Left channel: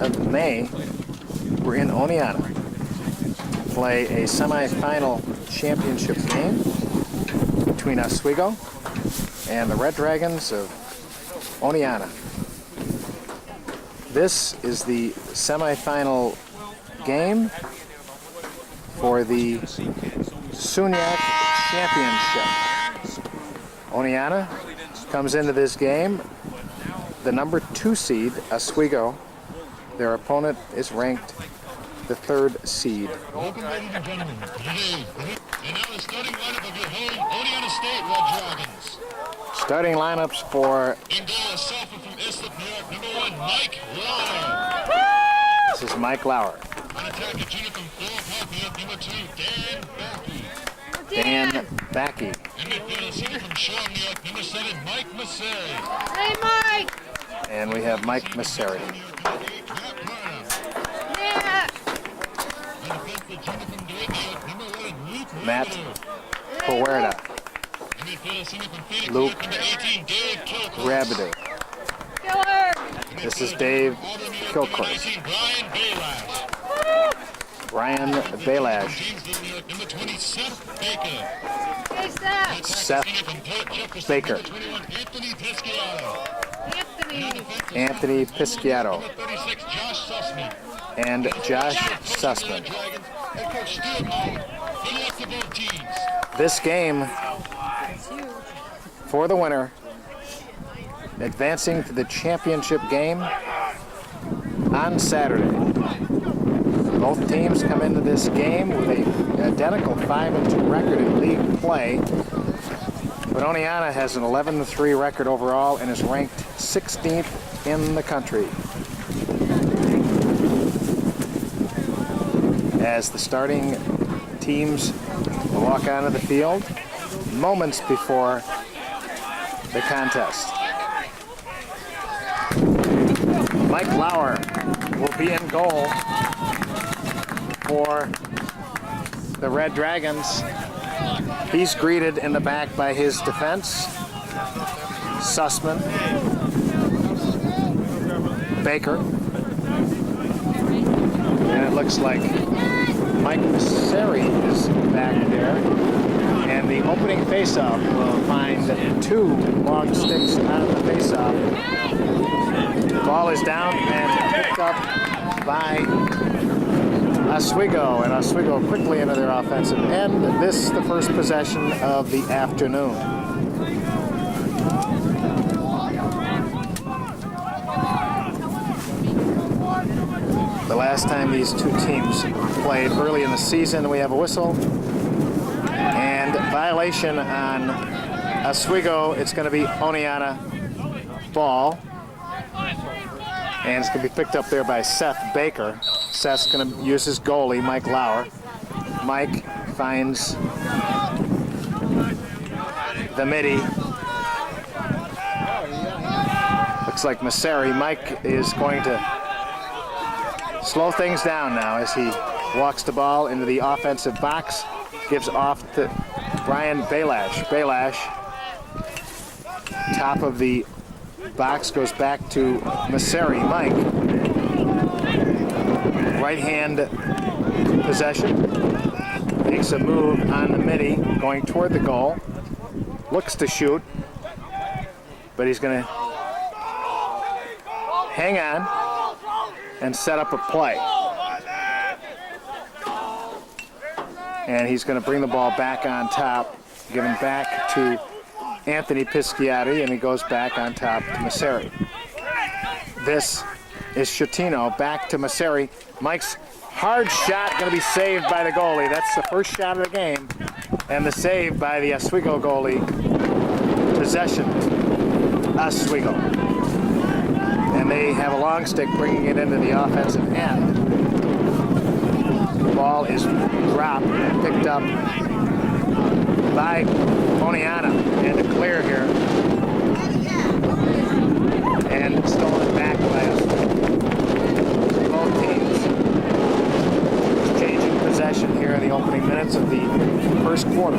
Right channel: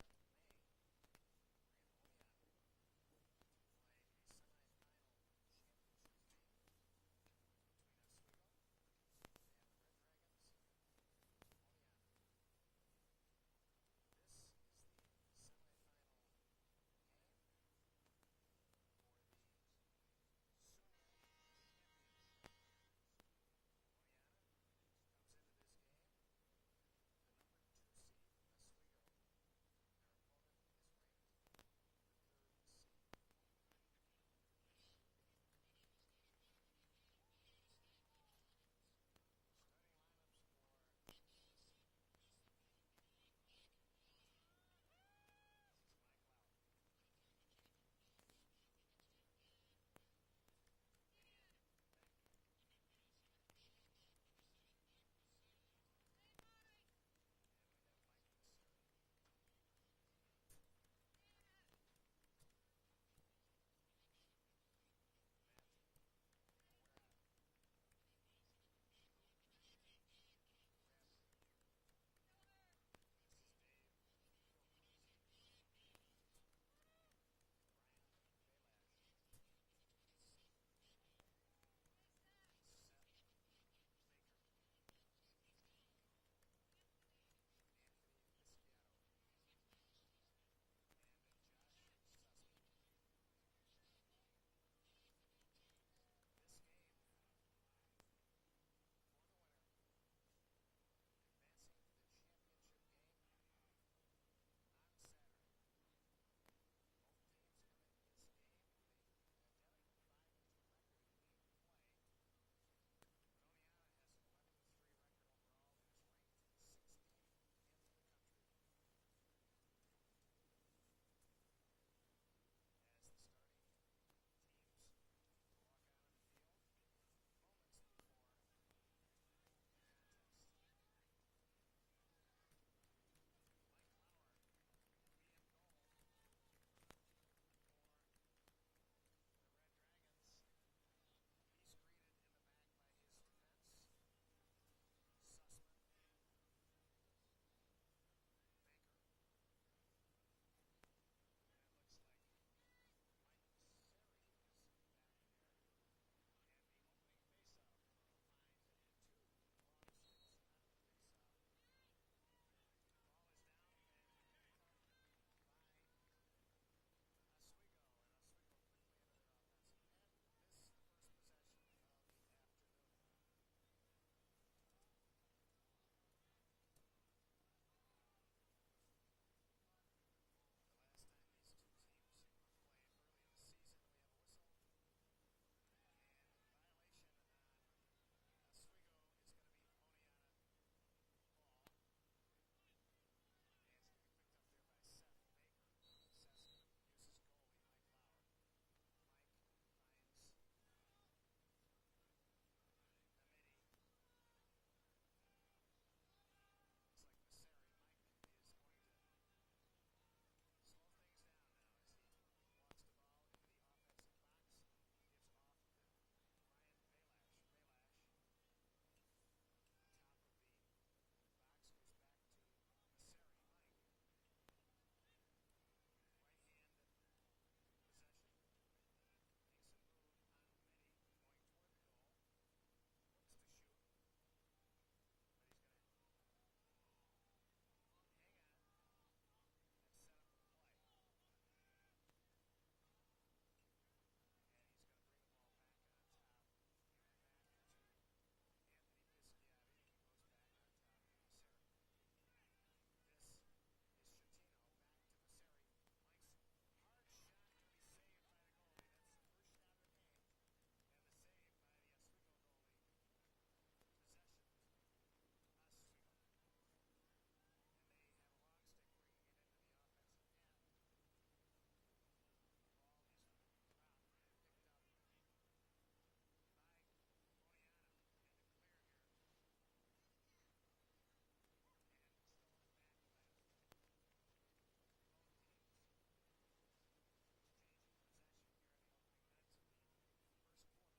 of May, we're in Oneonta to play a semifinal championship game between Oswego and the Red Dragons of Oneonta. This is the semifinal game for the SUNYAC championship. Oneonta comes into this game the number 2 seed, Oswego. Their opponent is ranked the 3rd seed. Welcome, ladies and gentlemen. And now the starting lineup of your home Oneonta State Red Dragons. Starting lineups for In goal, a sophomore from Islip, New York, number 1, Mike Lauer. this is Mike Lauer. On attack, a junior from Floral Park, New York, number 2, Dan Backey. Dan Backey. And midfield, a senior from Shore, New York, number 7, Mike Massey. Hey, Mike! And we have Mike Masseri. Yeah! Matt Puerta. Luke Rabidou. Killer! This is Dave Kilcourse. Brian Belash. Hey, Seth! Seth Baker. Anthony! Anthony Pisciato. And Josh Sussman. This game, for the winner, advancing to the championship game on Saturday. Both teams come into this game with an identical 5-2 record in league play. But Oneonta has an 11-3 record overall and is ranked 16th in the country. As the starting teams walk onto the field moments before the contest. Mike Lauer will be in goal for the Red Dragons. He's greeted in the back by his defense, Sussman, Baker, and it looks like Mike Masseri is back there. And the opening faceoff will find 2 long sticks out of the faceoff. Ball is down and picked up by Oswego, and Oswego quickly into their offensive end. This is the first possession of the afternoon. The last time these two teams played early in the season, we have a whistle and violation on Oswego. It's going to be Oneonta ball, and it's going to be picked up there by Seth Baker. Seth's going to use his goalie, Mike Lauer. Mike finds the midi. Looks like Masseri. Mike is going to slow things down now as he walks the ball into the offensive box. Gives off to Brian Belash. Belash, top of the box, goes back to Masseri. Mike, right hand possession, makes a move on the midi, going toward the goal, looks to shoot, but he's going to hang on and set up a play. And he's going to bring the ball back on top, given back to Anthony Pisciati, and he goes back on top to Masseri. This is Schettino, back to Masseri. Mike's hard shot going to be saved by the goalie. That's the first shot of the game, and the save by the Oswego goalie. Possession, Oswego. And they have a long stick bringing it into the offensive end. The ball is dropped and picked up by Oneonta, and to clear here. And stolen back by Oswego. Both teams exchanging possession here in the opening minutes of the first quarter.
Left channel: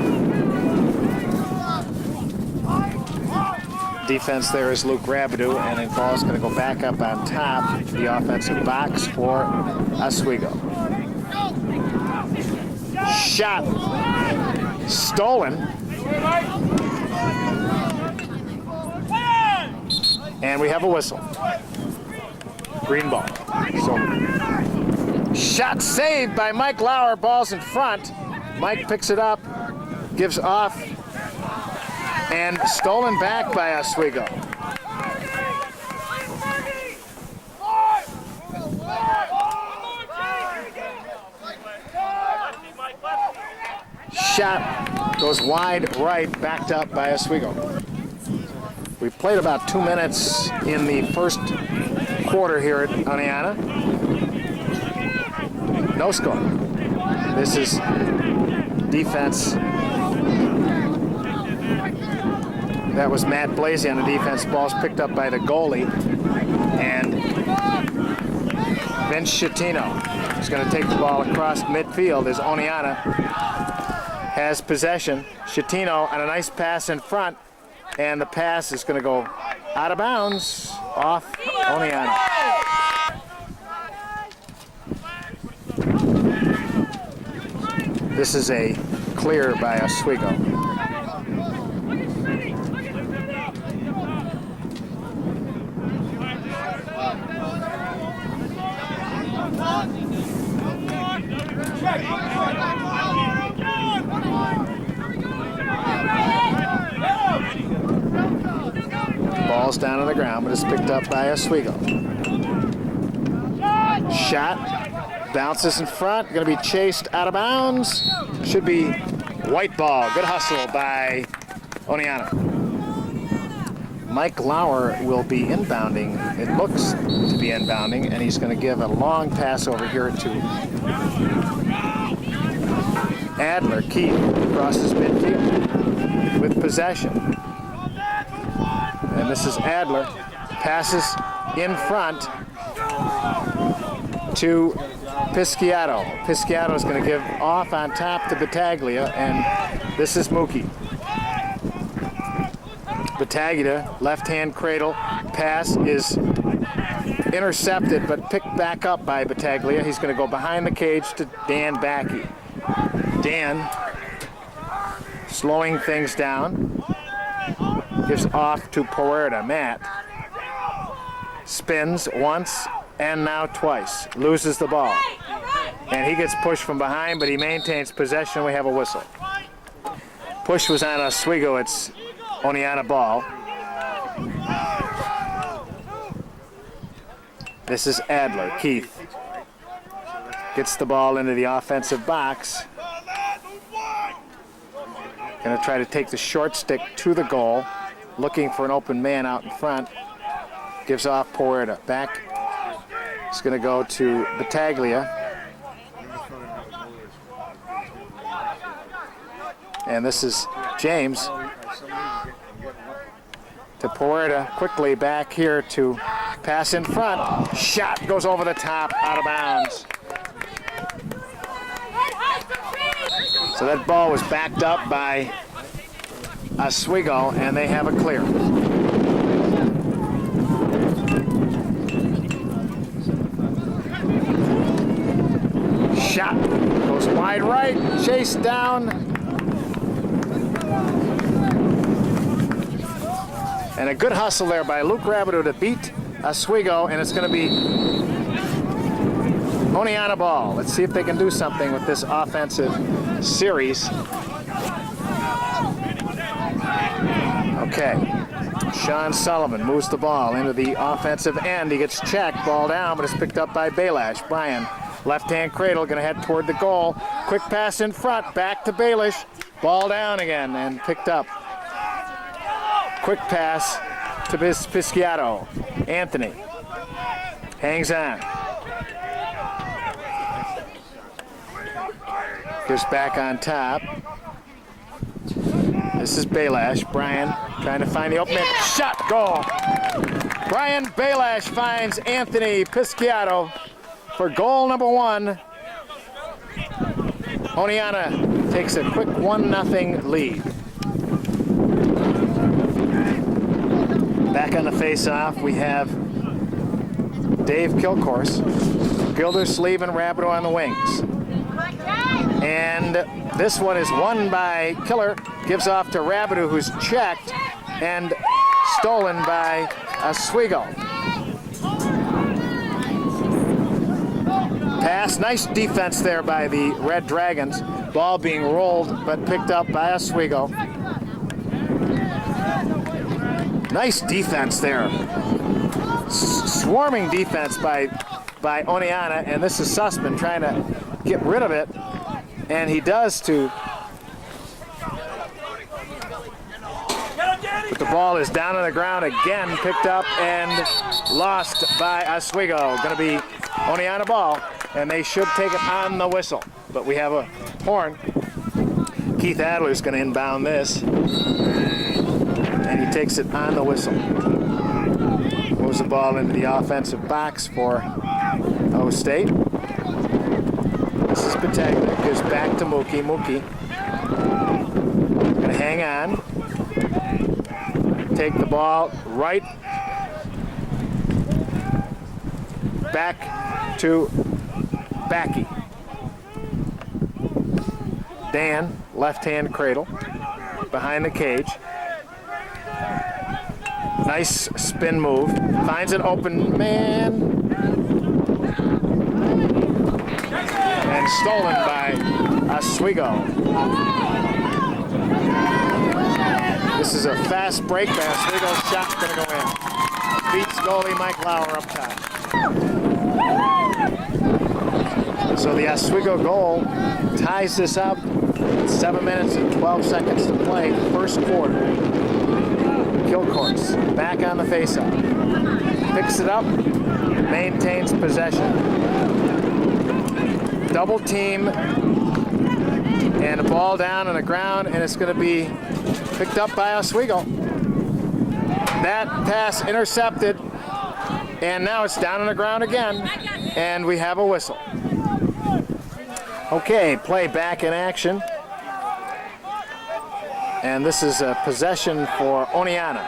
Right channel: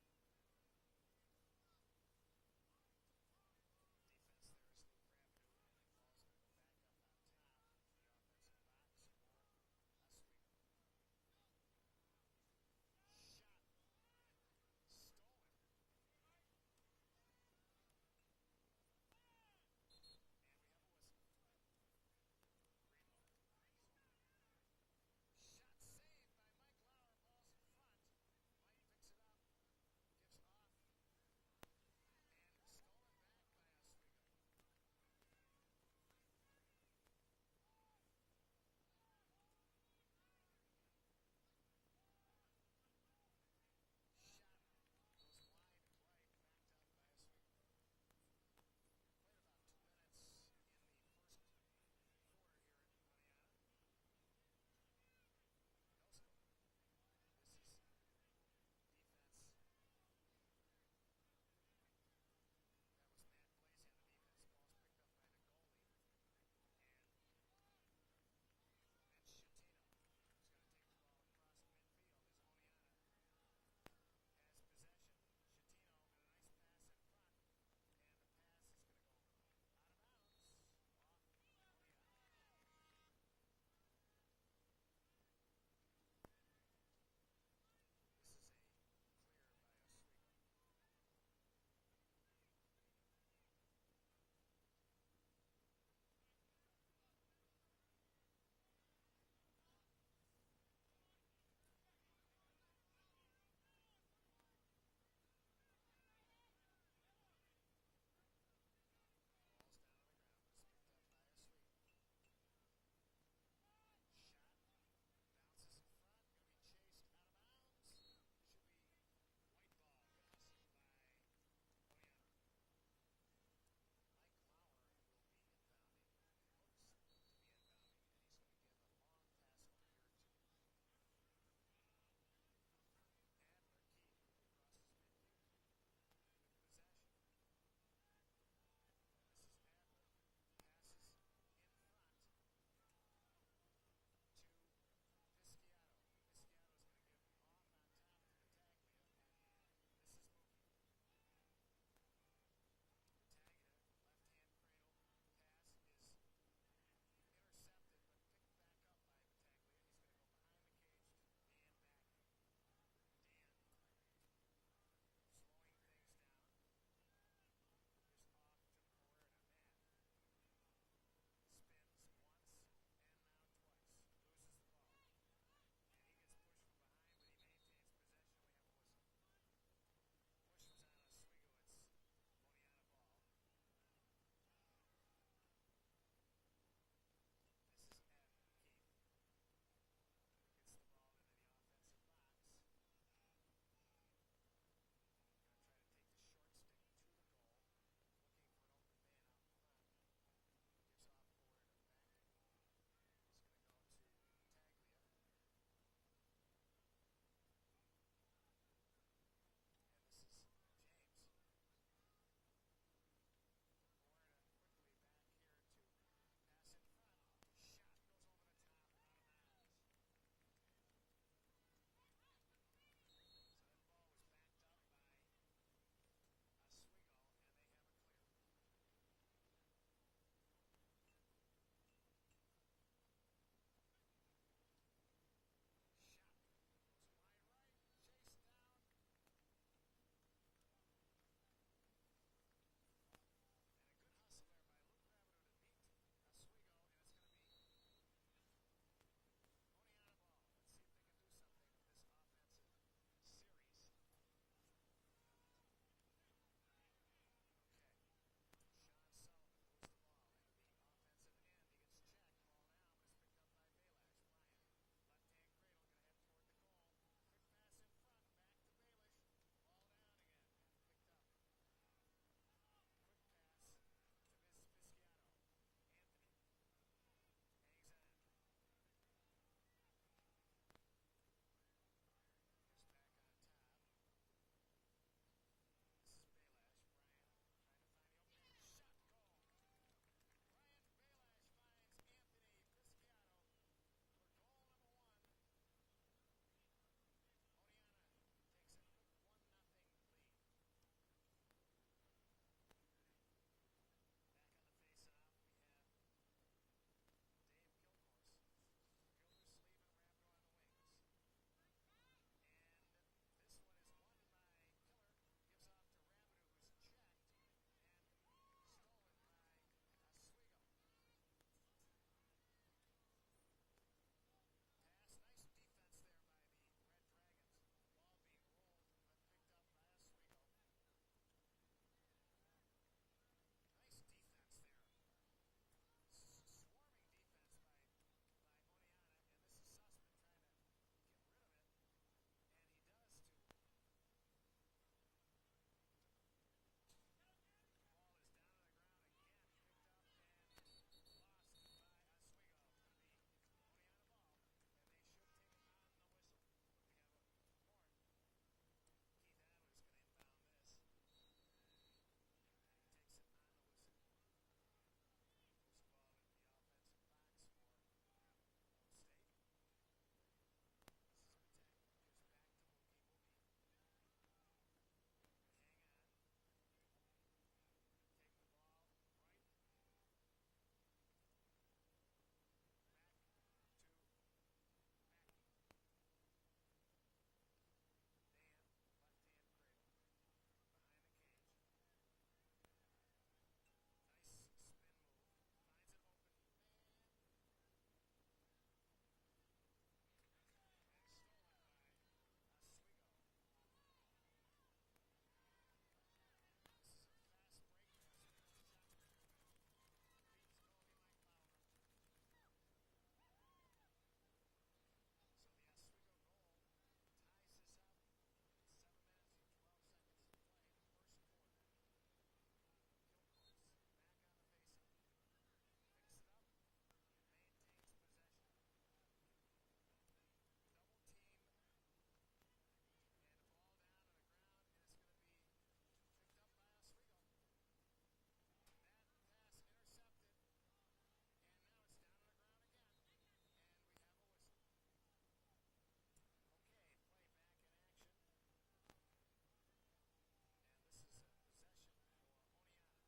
defense there is Luke Rabidou, and the ball is going to go back up on top the offensive box for Oswego. Shot stolen. And we have a whistle. Green ball. So, shot saved by Mike Lauer. Ball's in front. Mike picks it up, gives off, and stolen back by Oswego. Shot goes wide right, backed up by Oswego. We played about 2 minutes in the first quarter here at Oneonta. No score. This is defense. That was Matt Blasey on the defense. Ball's picked up by the goalie. And Vince Schettino is going to take the ball across midfield as Oneonta has possession. Schettino on a nice pass in front. And the pass is going to go out of bounds off Oneonta. This is a clear by Oswego. Ball's down on the ground, but it's picked up by Oswego. Shot, bounces in front, going to be chased out of bounds. Should be white ball. Good hustle by Oneonta. Mike Lauer will be inbounding. It looks to be inbounding, and he's going to give a long pass over here to Adler. Keith crosses midfield with possession. And this is Adler. Passes in front to Pisciato. Pisciato is going to give off on top to Battaglia, and this is Mookie. Battaglia, left-hand cradle. Pass is intercepted, but picked back up by Battaglia. He's going to go behind the cage to Dan Backey. Dan slowing things down. Gives off to Puerta. Matt spins once and now twice. Loses the ball. And he gets pushed from behind, but he maintains possession. We have a whistle. Push was on Oswego. It's Oneonta ball. This is Adler. Keith gets the ball into the offensive box. Going to try to take the short stick to the goal. Looking for an open man out in front. Gives off Puerta. Back. It's going to go to Battaglia. And this is James. To Puerta. Quickly back here to pass in front. Shot goes over the top, out of bounds. So that ball was backed up by Oswego, and they have a clear. Shot goes wide right, chased down. And a good hustle there by Luke Rabidou to beat Oswego, and it's going to be Oneonta ball. Let's see if they can do something with this offensive series. Okay, Sean Sullivan moves the ball into the offensive end. He gets checked, ball down, but it's picked up by Baelish. Brian, left-hand cradle, going to head toward the goal. Quick pass in front, back to Baelish. Ball down again and picked up. Quick pass to Pisciato. Anthony hangs on. Goes back on top. This is Baelish. Brian trying to find the opening. Shot, goal. Brian Baelish finds Anthony Pisciato for goal number 1. Oneonta takes a quick 1-0 lead. Back on the face-off, we have Dave Kilcourse, Gildersleeve and Rabideau on the wings. And this one is won by Killer, gives off to Rabideau, who's checked, and stolen by Oswego. Pass, nice defense there by the Red Dragons. Ball being rolled, but picked up by Oswego. Nice defense there. Swarming defense by Oneonta, and this is Sussman trying to get rid of it, and he does to. But the ball is down on the ground again, picked up and lost by Oswego. Going to be Oneonta ball, and they should take it on the whistle. But we have a horn. Keith Adler's going to inbound this, and he takes it on the whistle. Moves the ball into the offensive box for O State. This is Pataglia, gives back to Mookie. Mookie going to hang on. Take the ball right back to Backy. Dan, left-hand cradle, behind the cage. Nice spin move. Finds an open man. And stolen by Oswego. This is a fast break by Oswego. Shot's going to go in. Beats goalie Mike Lauer up top. So the Oswego goal ties this up. 7 minutes and 12 seconds to play, first quarter. Kilcourse back on the faceoff. Picks it up, maintains possession. Double team, and a ball down on the ground, and it's going to be picked up by Oswego. That pass intercepted, and now it's down on the ground again, and we have a whistle. Okay, play back in action. And this is a possession for Oneonta.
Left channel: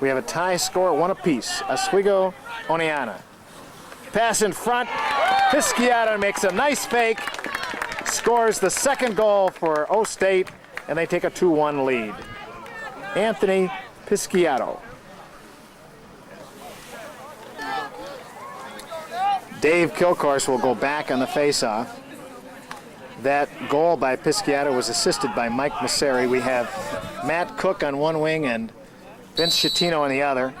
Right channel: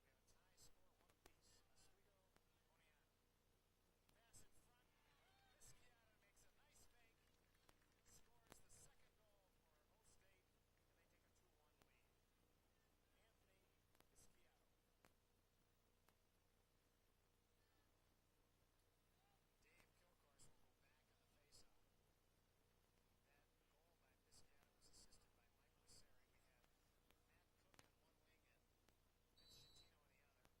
We have a tie score, one apiece. Oswego, Oneonta. Pass in front. Pisciata makes a nice fake. Scores the second goal for O State, and they take a 2-1 lead. Anthony Pisciato. Dave Kilcourse will go back on the faceoff. That goal by Pisciata was assisted by Mike Masseri. We have Matt Cook on one wing and Vince Schettino on the other.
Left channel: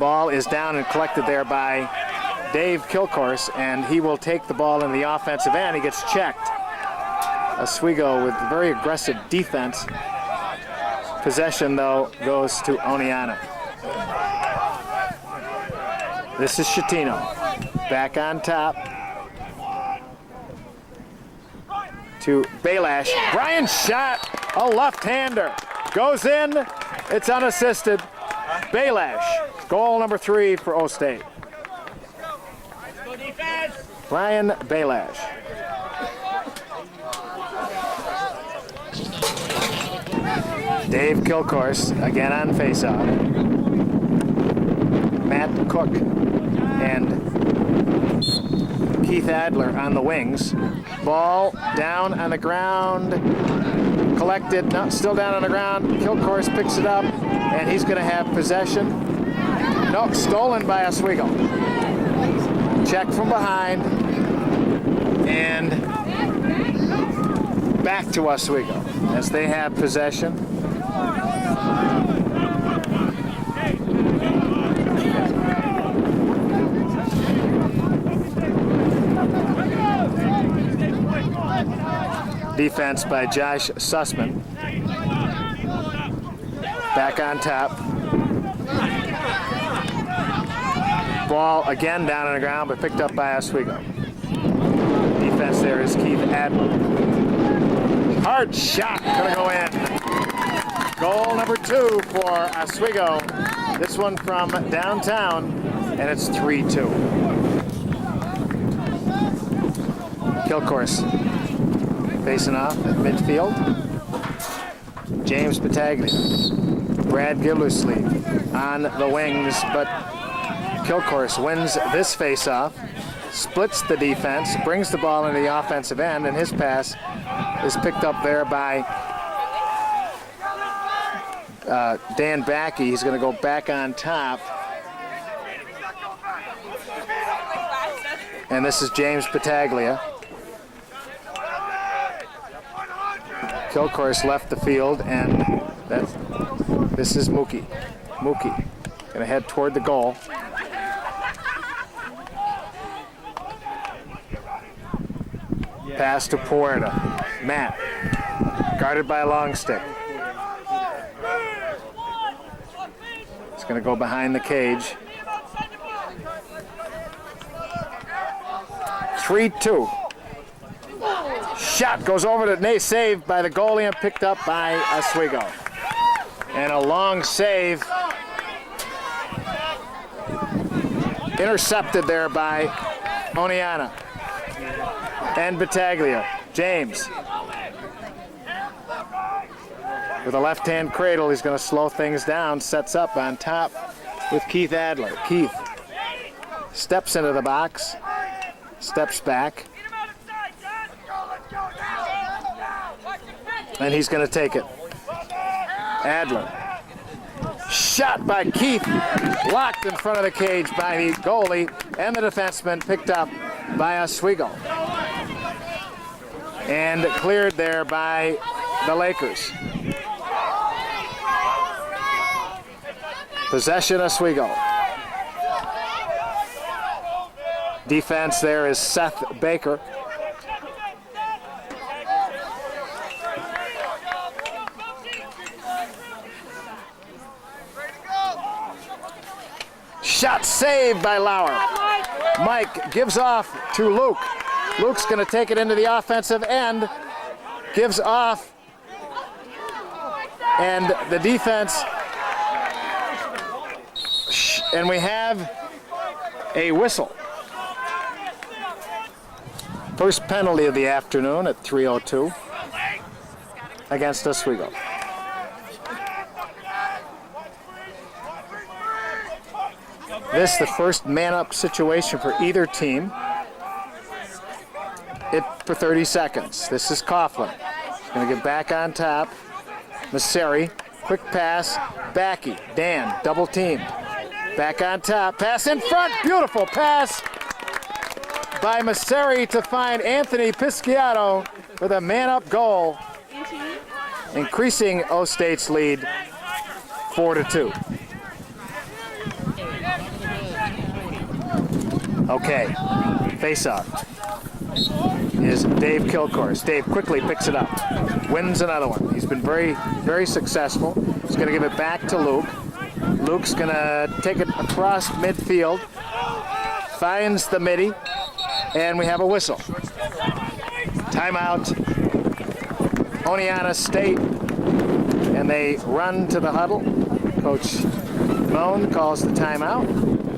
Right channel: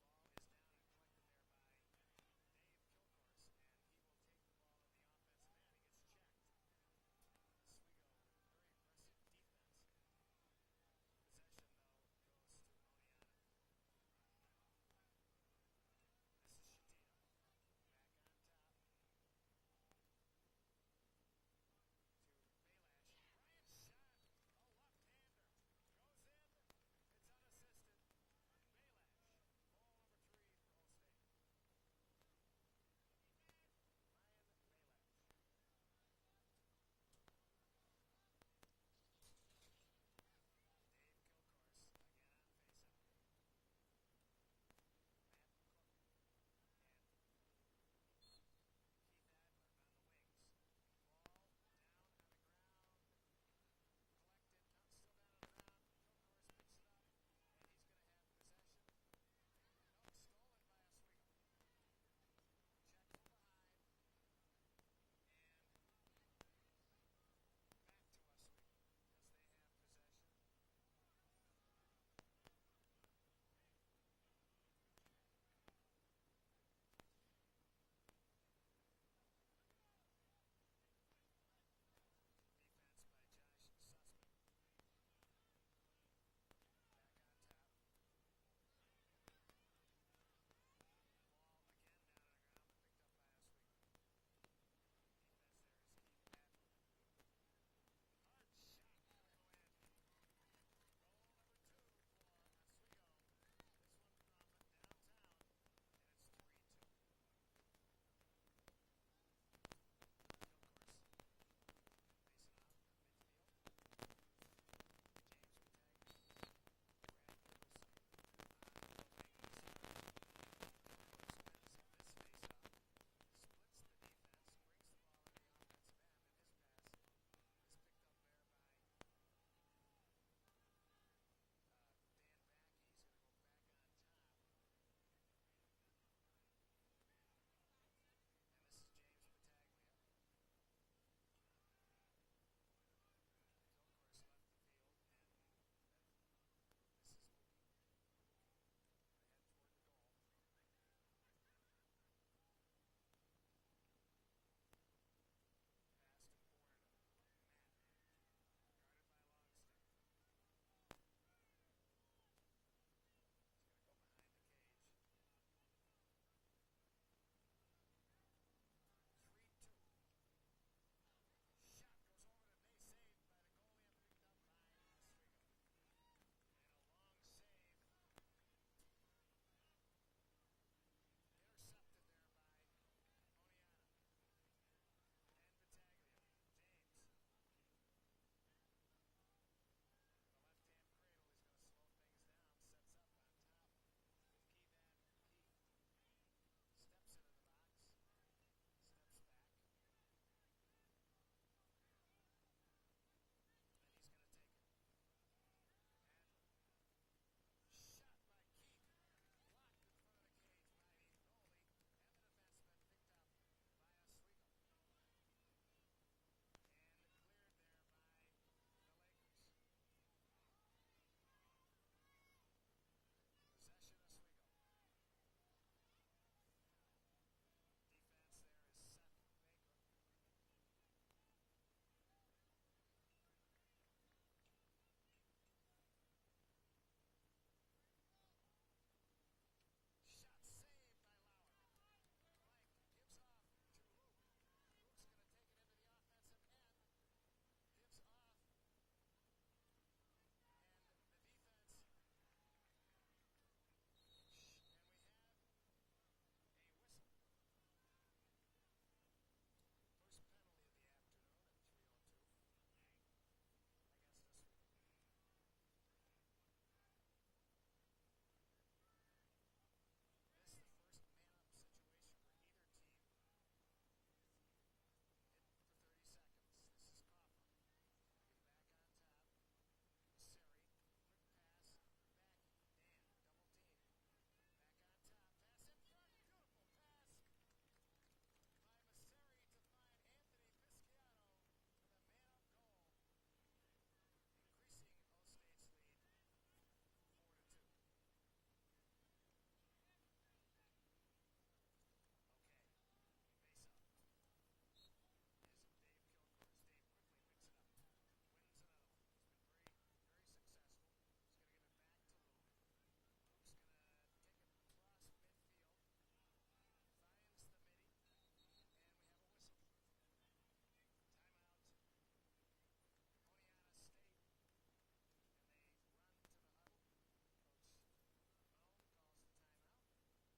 Ball is down and collected there by Dave Kilcourse, and he will take the ball in the offensive end. He gets checked. Oswego with very aggressive defense. Possession, though, goes to Oneonta. This is Schettino. Back on top. To Belash. Brian shot, a left-hander. Goes in, it's unassisted. Belash, goal number 3 for O State. Brian Belash. Dave Kilcourse, again on faceoff. Matt Cook and Keith Adler on the wings. Ball down on the ground, collected, no, still down on the ground. Kilcourse picks it up, and he's going to have possession. No, stolen by Oswego. Check from behind, and back to Oswego as they have possession. Defense by Josh Sussman. Back on top. Ball again down on the ground, but picked up by Oswego. Defense there is Keith Adler. Hard shot, gonna go in. Goal number 2 for Oswego. This one from downtown, and it's 3-2. Kilcourse facing off at midfield. James Battaglia. Brad Gildersleeve on the wings, but Kilcourse wins this face-off, splits the defense, brings the ball into the offensive end, and his pass is picked up there by Dan Backey. He's going to go back on top. And this is James Battaglia. Kilcourse left the field, and this is Mookie. Mookie going to head toward the goal. Pass to Puerta. Matt, guarded by Longstick. He's going to go behind the cage. 3-2. Shot goes over to Nate, saved by the goalie and picked up by Oswego. And a long save. Intercepted there by Oneonta. And Battaglia. James. With a left-hand cradle, he's going to slow things down. Sets up on top with Keith Adler. Keith steps into the box. Steps back. And he's going to take it. Adler. Shot by Keith. Blocked in front of the cage by the goalie and the defenseman. Picked up by Oswego. And cleared there by the Lakers. Possession Oswego. Defense there is Seth Baker. Shot saved by Lauer. Mike gives off to Luke. Luke's going to take it into the offensive end. Gives off. And the defense. And we have a whistle. First penalty of the afternoon at 3:02 against Oswego. This is the first man-up situation for either team. It for 30 seconds. This is Coughlin. He's going to get back on top. Masseri, quick pass. Backey, Dan, double teamed. Back on top. Pass in front. Beautiful pass by Masseri to find Anthony Pisciato with a man-up goal, increasing O-State's lead 4-2. Okay, face-off is Dave Kilcourse. Dave quickly picks it up, wins another one. He's been very, very successful. He's going to give it back to Luke. Luke's going to take it across midfield, finds the midi, and we have a whistle. Timeout, Oneonta State, and they run to the huddle. Coach Moan calls the timeout.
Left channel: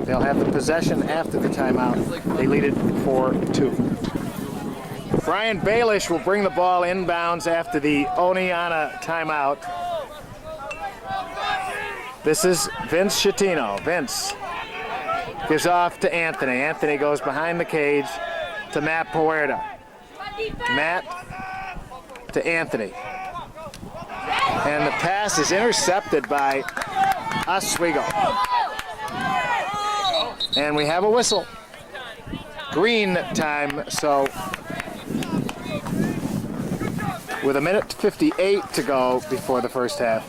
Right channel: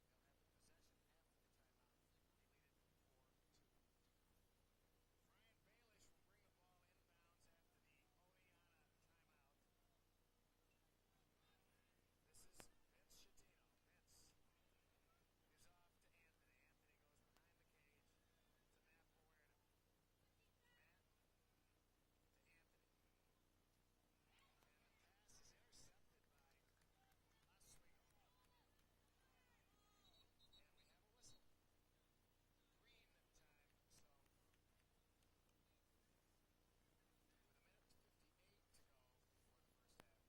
They'll have the possession after the timeout. They lead it 4-2. Brian Baelish will bring the ball inbounds after the Oneonta timeout. This is Vince Schettino. Vince gives off to Anthony. Anthony goes behind the cage to Matt Puerta. Matt to Anthony. And the pass is intercepted by Oswego. And we have a whistle. Green time, so with 1:58 to go before the first half,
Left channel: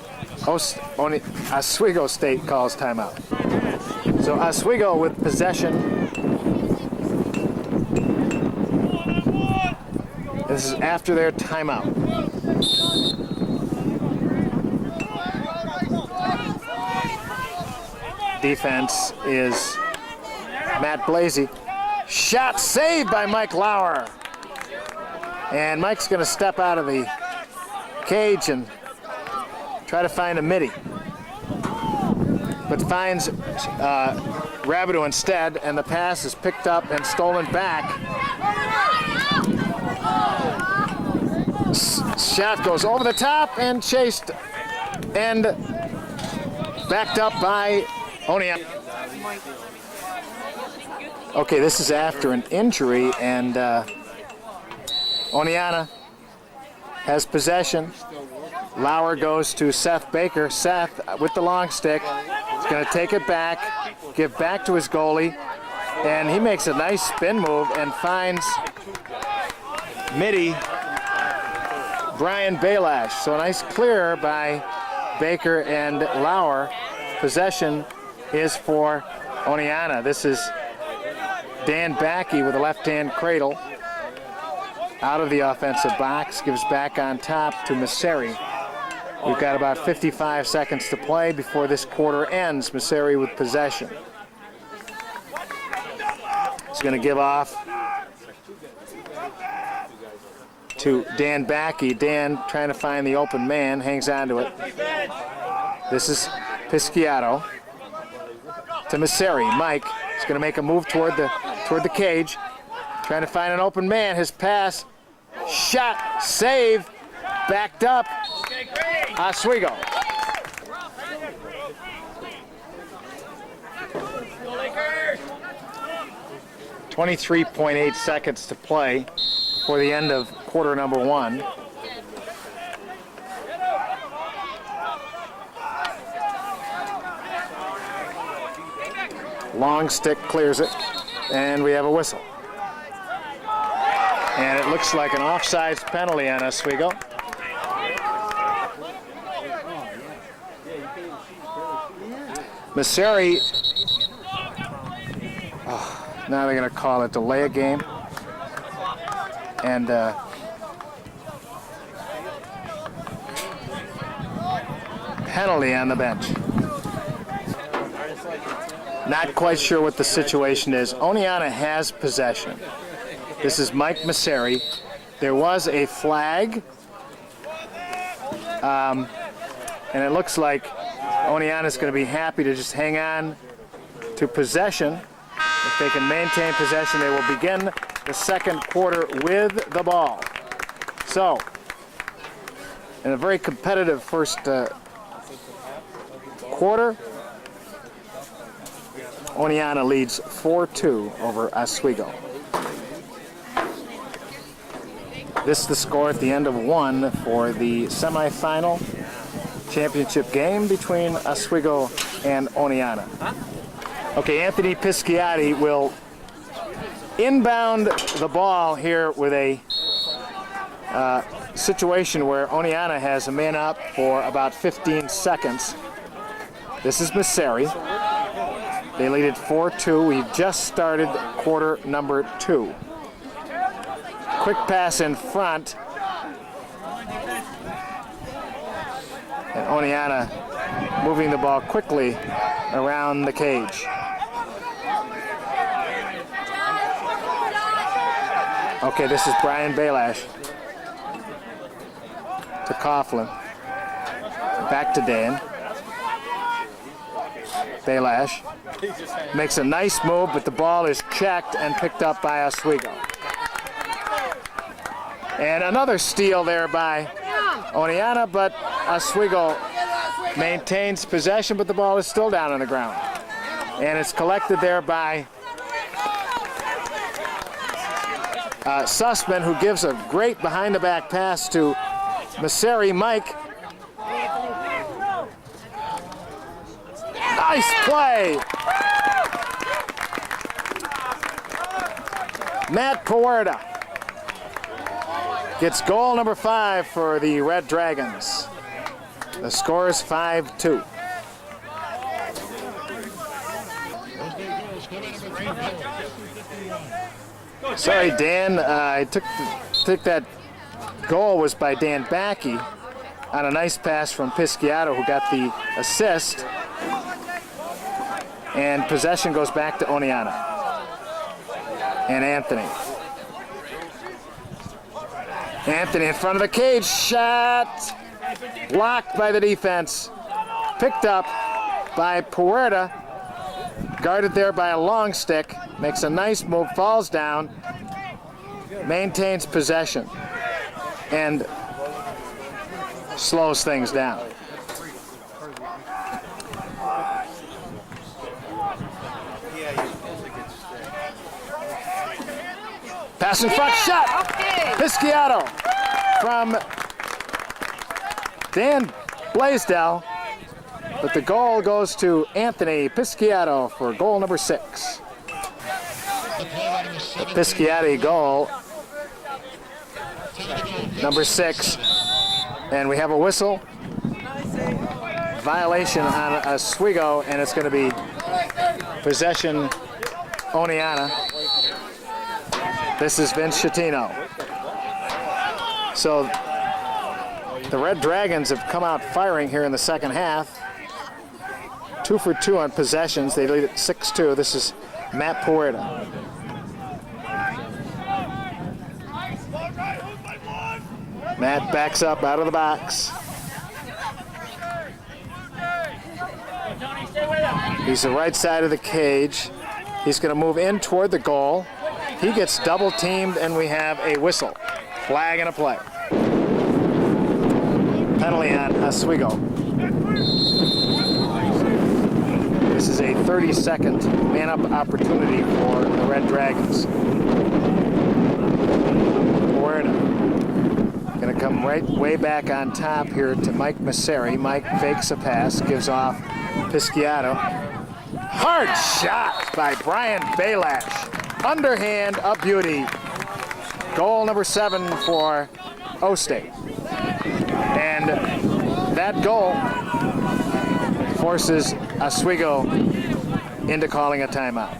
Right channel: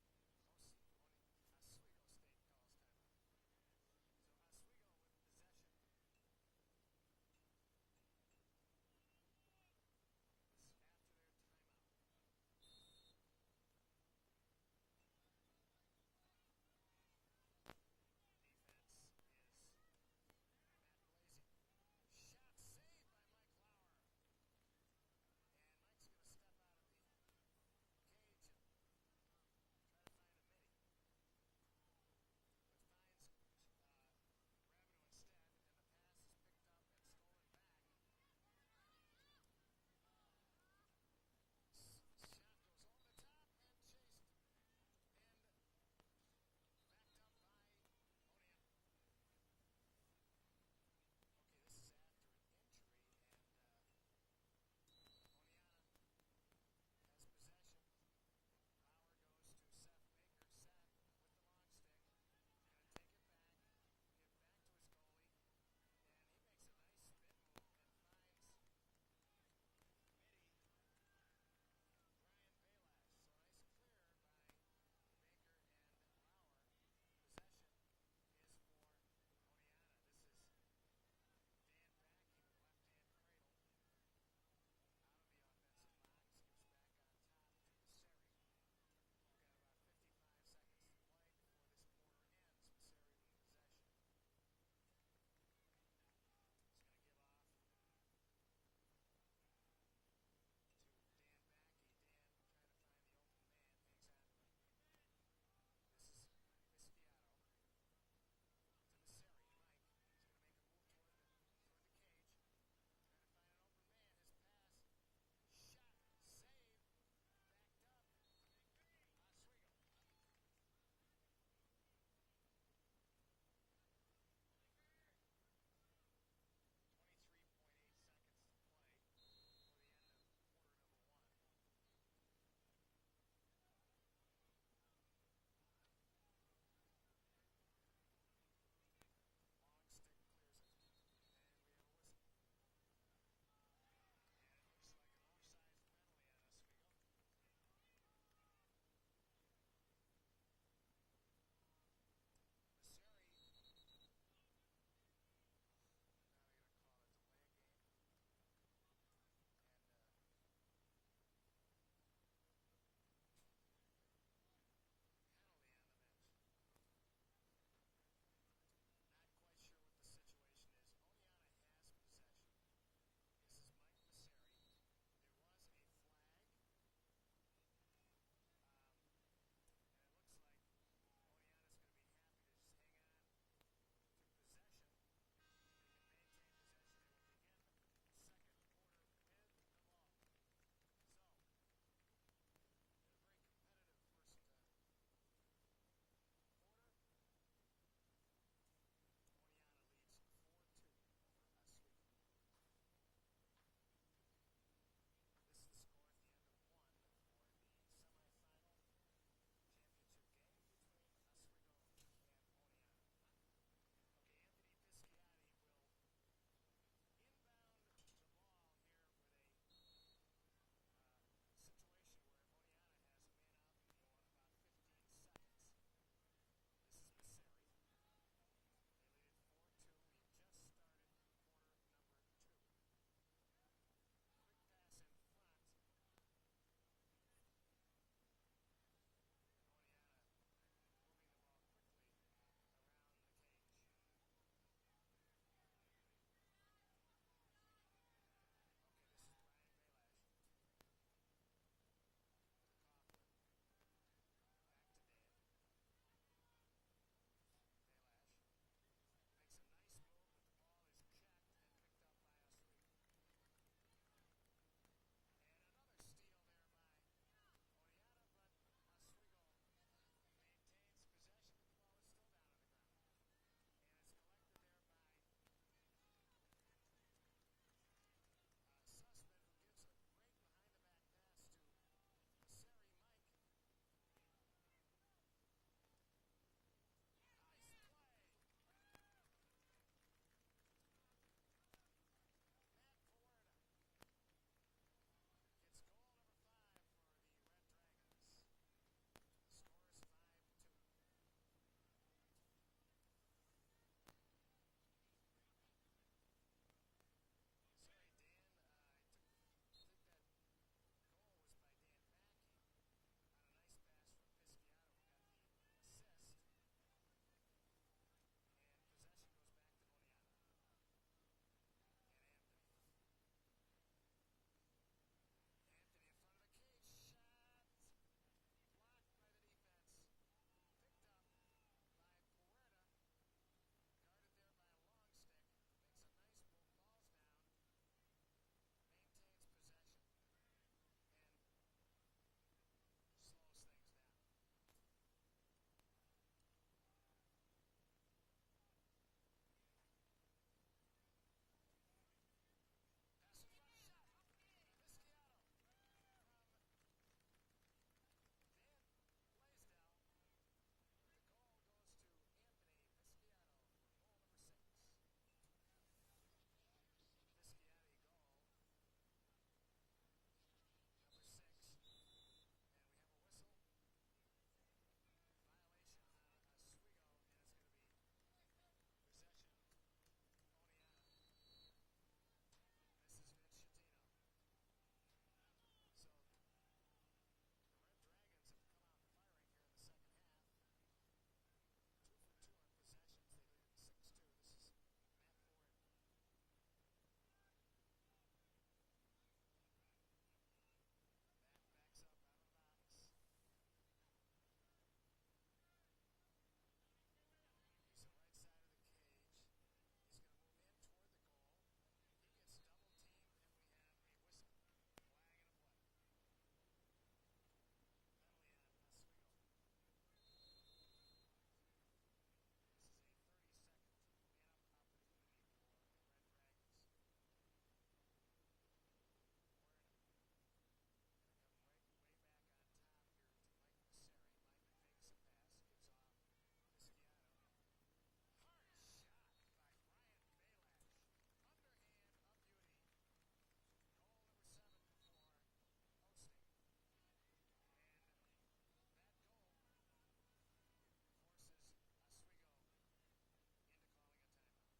Oswego State calls timeout. So Oswego with possession. This is after their timeout. Defense is Matt Blasey. Shot saved by Mike Lauer. And Mike's going to step out of the cage and try to find a midi. But finds Rabideau instead, and the pass is picked up and stolen back. Shot goes over the top and chased and backed up by Oneonta. Okay, this is after an injury, and Oneonta has possession. Lauer goes to Seth Baker. Seth with the long stick. He's going to take it back, give back to his goalie, and he makes a nice spin move and finds midi Brian Balash. So a nice clear by Baker and Lauer. Possession is for Oneonta. This is Dan Backey with a left-hand cradle out of the offensive box, gives back on top to Messeri. We've got about 55 seconds to play before this quarter ends. Messeri with possession. He's going to give off to Dan Backey. Dan trying to find the open man, hangs on to it. This is Pisciato to Messeri. Mike is going to make a move toward the cage, trying to find an open man. His pass, shot, save, backed up. Oswego. .8 seconds to play for the end of quarter number one. Long stick clears it, and we have a whistle. And it looks like an offsides penalty on Oswego. Messeri, now they're going to call it delay a game. And penalty on the bench. Not quite sure what the situation is. Oneonta has possession. This is Mike Messeri. There was a flag. And it looks like Oneonta is going to be happy to just hang on to possession. If they can maintain possession, they will begin the second quarter with the ball. So, in a very competitive first quarter, Oneonta leads 4-2 over Oswego. This is the score at the end of one for the semifinal championship game between Oswego and Oneonta. Okay, Anthony Pisciati will inbound the ball here with a situation where Oneonta has a man up for about 15 seconds. This is Messeri. They lead it 4-2. We've just started quarter number two. Quick pass in front. And Oneonta moving the ball quickly around the cage. Okay, this is Brian Balash to Coughlin. Back to Dan. Balash makes a nice move, but the ball is checked and picked up by Oswego. And another steal there by Oneonta, but Oswego maintains possession, but the ball is still down on the ground. And it's collected there by Sussman, who gives a great behind-the-back pass to Messeri. Mike. Nice play. Matt Puerta gets goal number 5 for the Red Dragons. The score is 5-2. Sorry, Dan. I took that goal was by Dan Backey on a nice pass from Pisciato, who got the assist. And possession goes back to Oneonta. And Anthony. Anthony in front of the cage. Shot. Blocked by the defense. Picked up by Puerta. Guarded there by a long stick. Makes a nice move. Falls down. Maintains possession. And slows things down. Pass in front, shot. Okay. Pisciato from Dan Blaisdell, but the goal goes to Anthony Pisciato for goal number 6. The Pisciati goal, number 6, and we have a whistle. Violation on Oswego, and it's going to be possession Oneonta. This is Vince Schettino. So the Red Dragons have come out firing here in the second half. 2 for 2 on possessions. They lead at 6-2. This is Matt Puerta. Matt backs up out of the box. He's the right side of the cage. He's going to move in toward the goal. He gets double teamed, and we have a whistle. Flag and a play. Penalty on Oswego. This is a 30-second man-up opportunity for the Red Dragons. Puerta going to come way back on top here to Mike Messeri. Mike fakes a pass, gives off Pisciato. Hard shot by Brian Balash. Underhand, a beauty. Goal number 7 for O-State. And that goal forces Oswego into calling a timeout.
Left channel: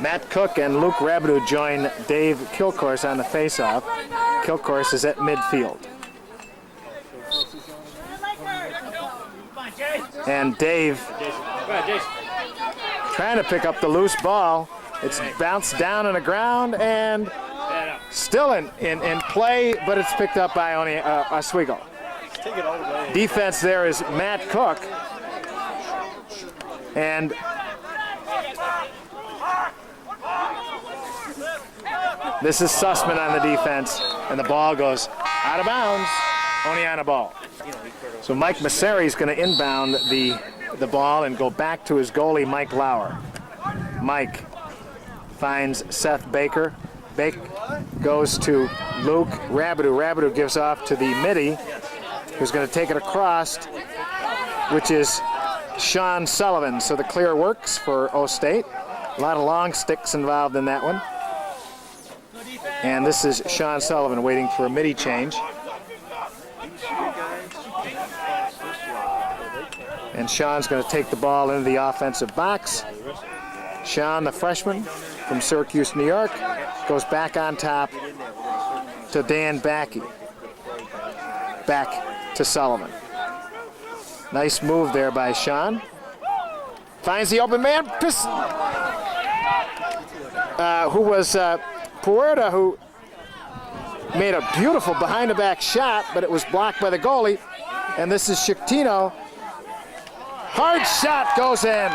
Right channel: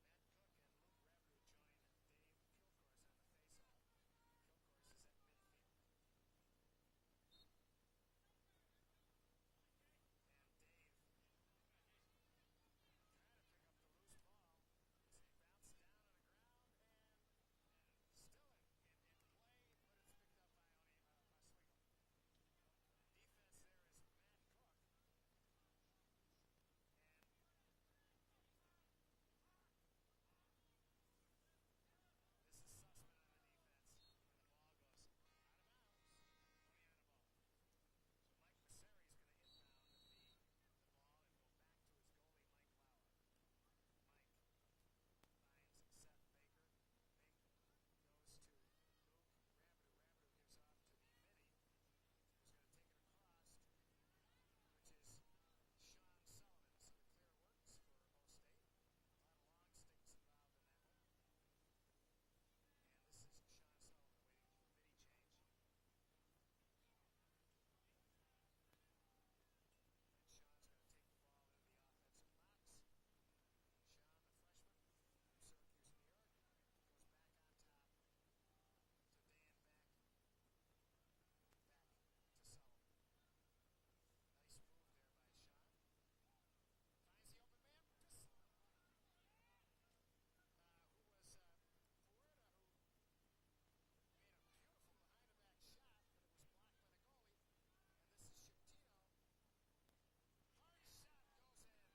Matt Cook and Luke Rabideau join Dave Kilcourse on the faceoff. Kilcourse is at midfield. And Dave trying to pick up the loose ball. It's bounced down on the ground and still in play, but it's picked up by Oswego. Defense there is Matt Cook. And this is Sussman on the defense, and the ball goes out of bounds. Oneonta ball. So Mike Messeri is going to inbound the ball and go back to his goalie, Mike Lauer. Mike finds Seth Baker. Baker goes to Luke Rabideau. Rabideau gives off to the midi, who's going to take it across, which is Sean Sullivan. So the clear works for O-State. A lot of long sticks involved in that one. And this is Sean Sullivan waiting for a midi change. And Sean's going to take the ball into the offensive box. Sean, the freshman from Syracuse, New York, goes back on top to Dan Backey. Back to Sullivan. Nice move there by Sean. Finds the open man. Who was Puerta, who made a beautiful behind-the-back shot, but it was blocked by the goalie. And this is Schettino. Hard shot goes in.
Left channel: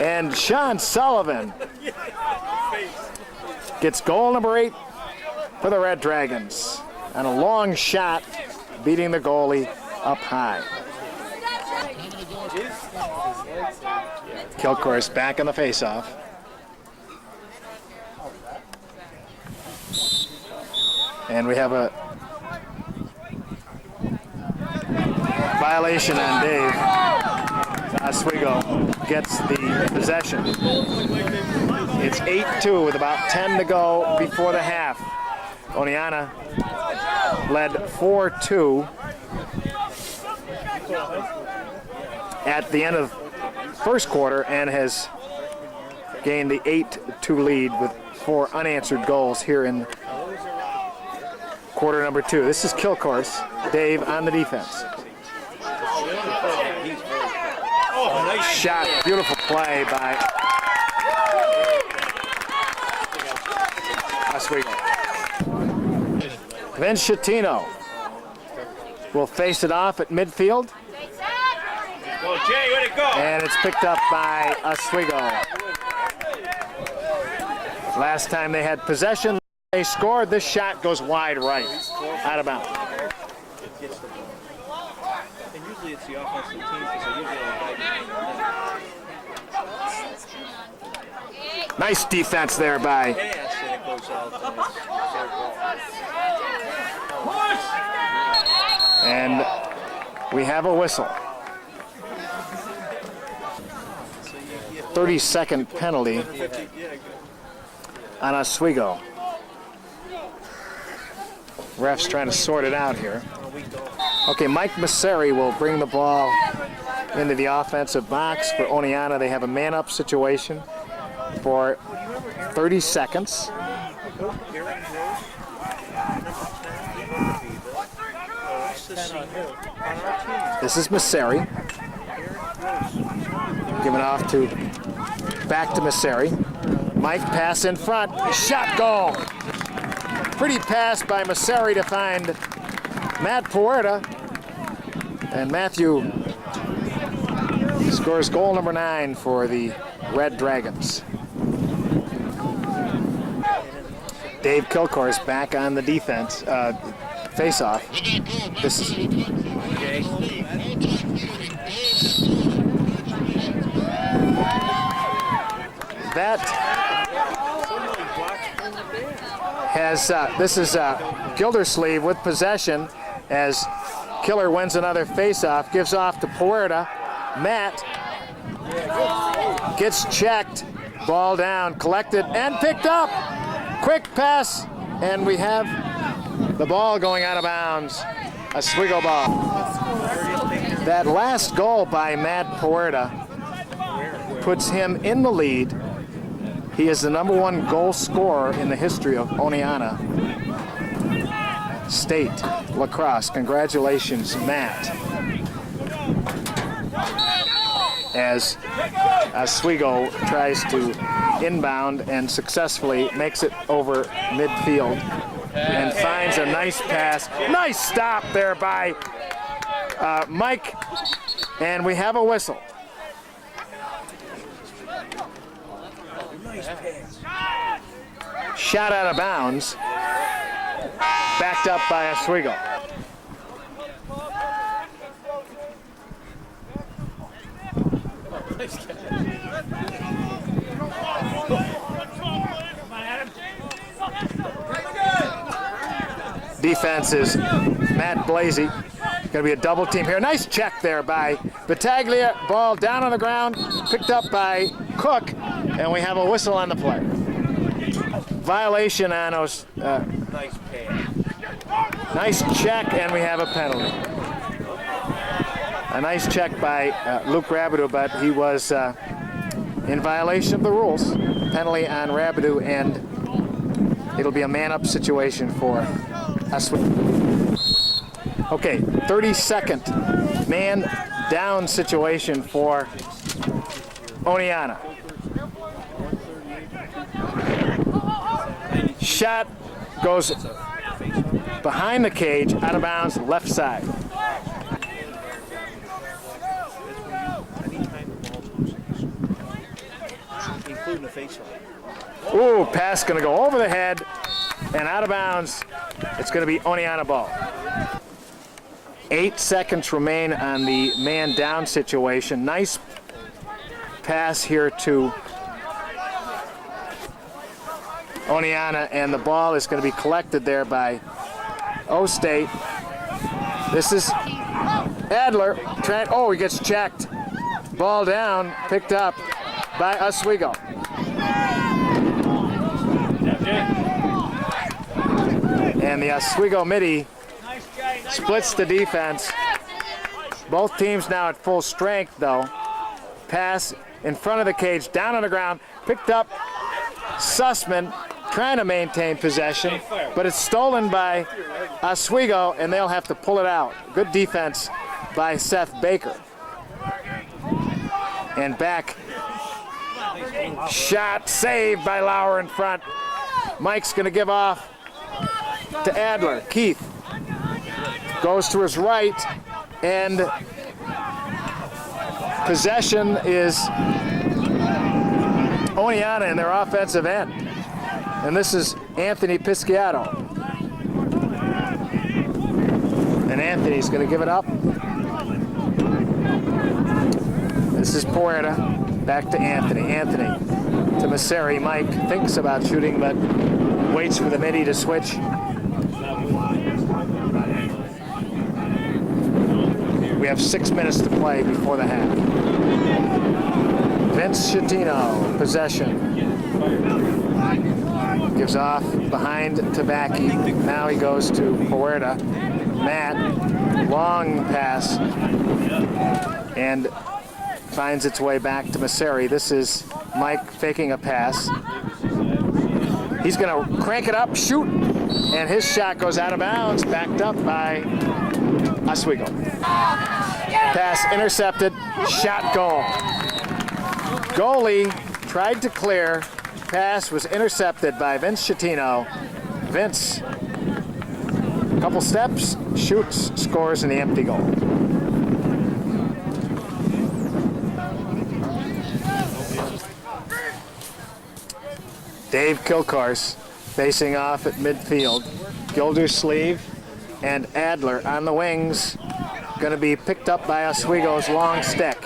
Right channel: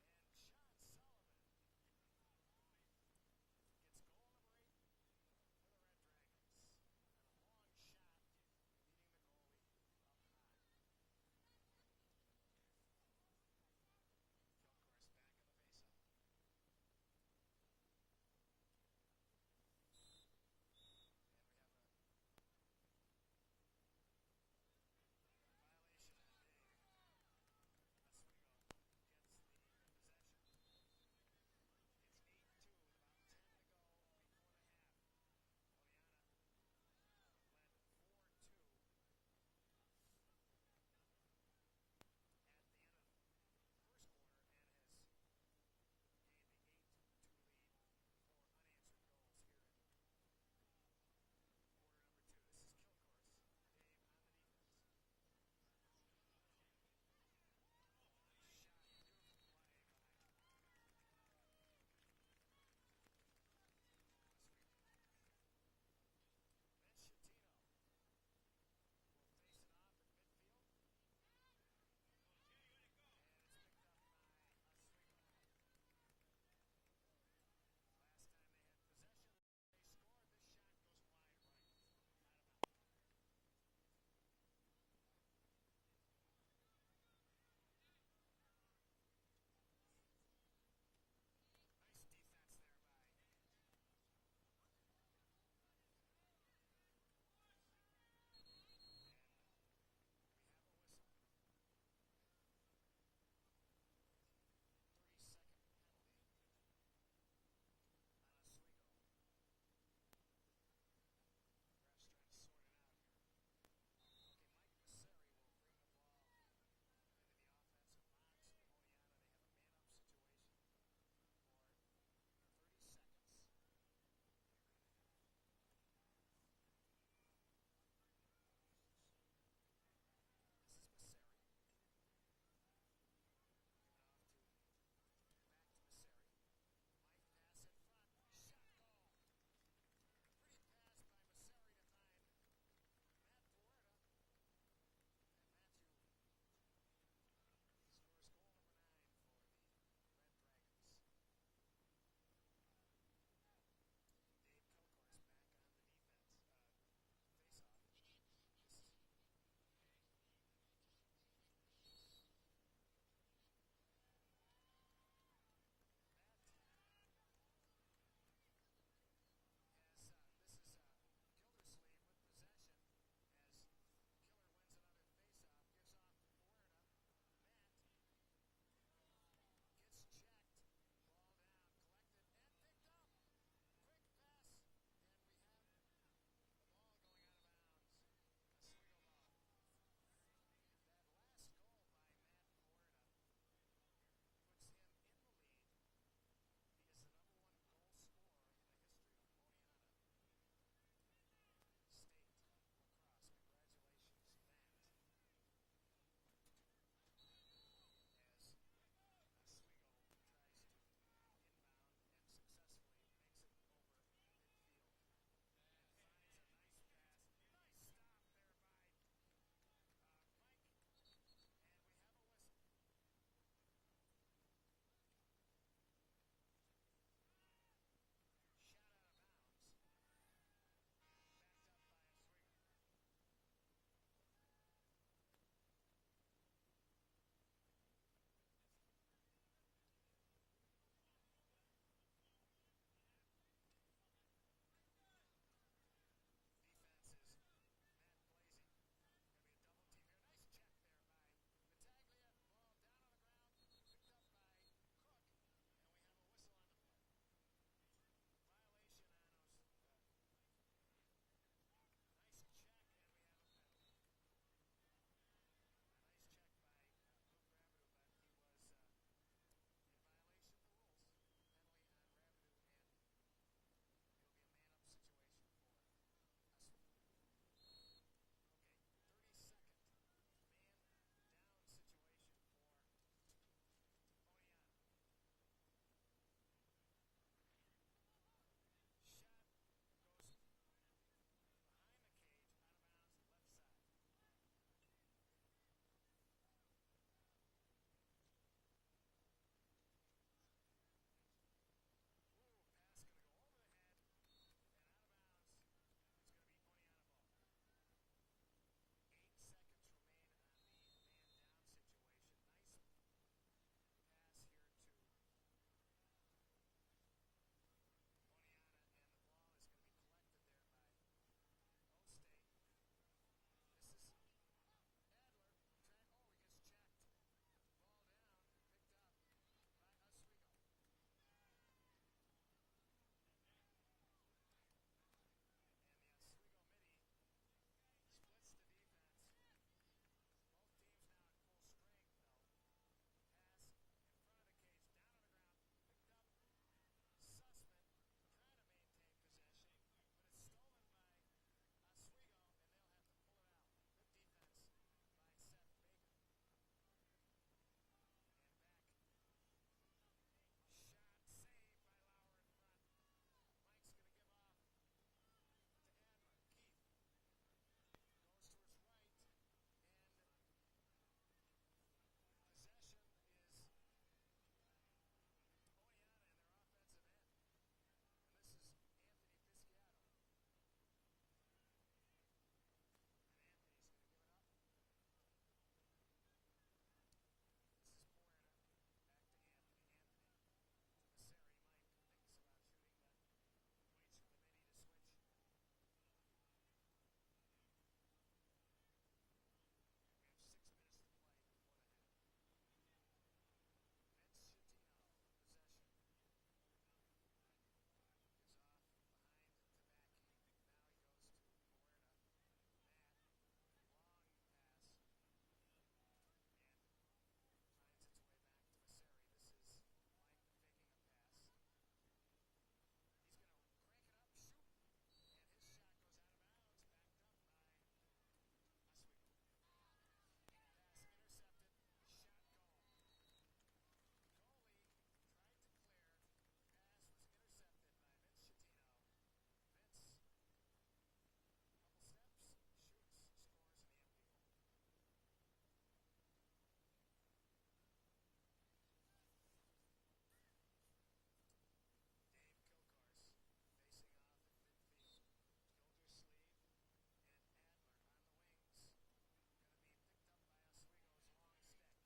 And Sean Sullivan gets goal number 8 for the Red Dragons. And a long shot beating the goalie up high. Kilcourse back on the faceoff. And we have a violation on Dave. Oswego gets the possession. It's 8-2 with about 10 to go before the half. Oneonta led 4-2 at the end of first quarter and has gained the 8-2 lead with 4 unanswered goals here in quarter number 2. This is Kilcourse. Dave on the defense. Shot, beautiful play by Oswego. Vince Schettino will face it off at midfield. And it's picked up by Oswego. Last time they had possession, they scored. This shot goes wide right, out of bounds. usually it's the offensive team because they usually like Nice defense there by pass and it goes out and it's fair ball. and we have a whistle. 30-second penalty on Oswego. Ref's trying to sort it out here. Okay, Mike Masseri will bring the ball into the offensive box for Oneonta. They have a man-up situation for 30 seconds. This is Masseri. Giving off to, back to Masseri. Mike pass in front, shot goal. Pretty pass by Masseri to find Matt Puerta. And Matthew scores goal number 9 for the Red Dragons. Dave Kilcore's back on the defense, face-off. This is that has this is Gildersleeve with possession as Killer wins another face-off, gives off to Puerta. Matt gets checked, ball down, collected and picked up. Quick pass, and we have the ball going out of bounds. Oswego ball. That last goal by Matt Puerta puts him in the lead. He is the #1 goal scorer in the history of Oneonta State Lacrosse. Congratulations, Matt. As Oswego tries to inbound and successfully makes it over midfield and finds a nice pass. Nice stop there by Mike, and we have a whistle. Shot out of bounds, backed up by Oswego. Defense is Matt Blasey. Going to be a double team here. Nice check there by Battaglia. Ball down on the ground, picked up by Cook, and we have a whistle on the play. Violation on us. Nice check, and we have a penalty. A nice check by Luke Rabideau, but he was in violation of the rules. Penalty on Rabideau, and it'll be a man-up situation for Oswego. Okay, 32nd man down situation for Oneonta. Shot goes behind the cage, out of bounds, left side. Ooh, pass gonna go over the head and out of bounds. It's gonna be Oneonta ball. 8 seconds remain on the man down situation. Nice pass here to Oneonta, and the ball is going to be collected there by O-State. This is Adler. Oh, he gets checked. Ball down, picked up by Oswego. And the Oswego midi splits the defense. Both teams now at full strength, though. Pass in front of the cage, down on the ground, picked up Sussman, trying to maintain possession, but it's stolen by Oswego, and they'll have to pull it out. Good defense by Seth Baker. And back, shot saved by Lauer in front. Mike's going to give off to Adler. Keith goes to his right, and possession is Oneonta in their offensive end. And this is Anthony Pisciato. And Anthony's going to give it up. This is Puerta, back to Anthony. Anthony to Masseri. Mike thinks about shooting, but waits for the midi to switch. We have 6 minutes to play before the half. Vince Schettino, possession. Gives off behind to Backy. Now he goes to Puerta. Matt, long pass, and finds its way back to Masseri. This is Mike faking a pass. He's gonna crank it up, shoot, and his shot goes out of bounds, backed up by Oswego. Pass intercepted, shot goal. Goalie tried to clear, pass was intercepted by Vince Schettino. Vince, a couple steps, shoots, scores in the empty goal. Dave Kilcourse facing off at midfield. Gildersleeve and Adler on the wings. Going to be picked up by Oswego's long stick.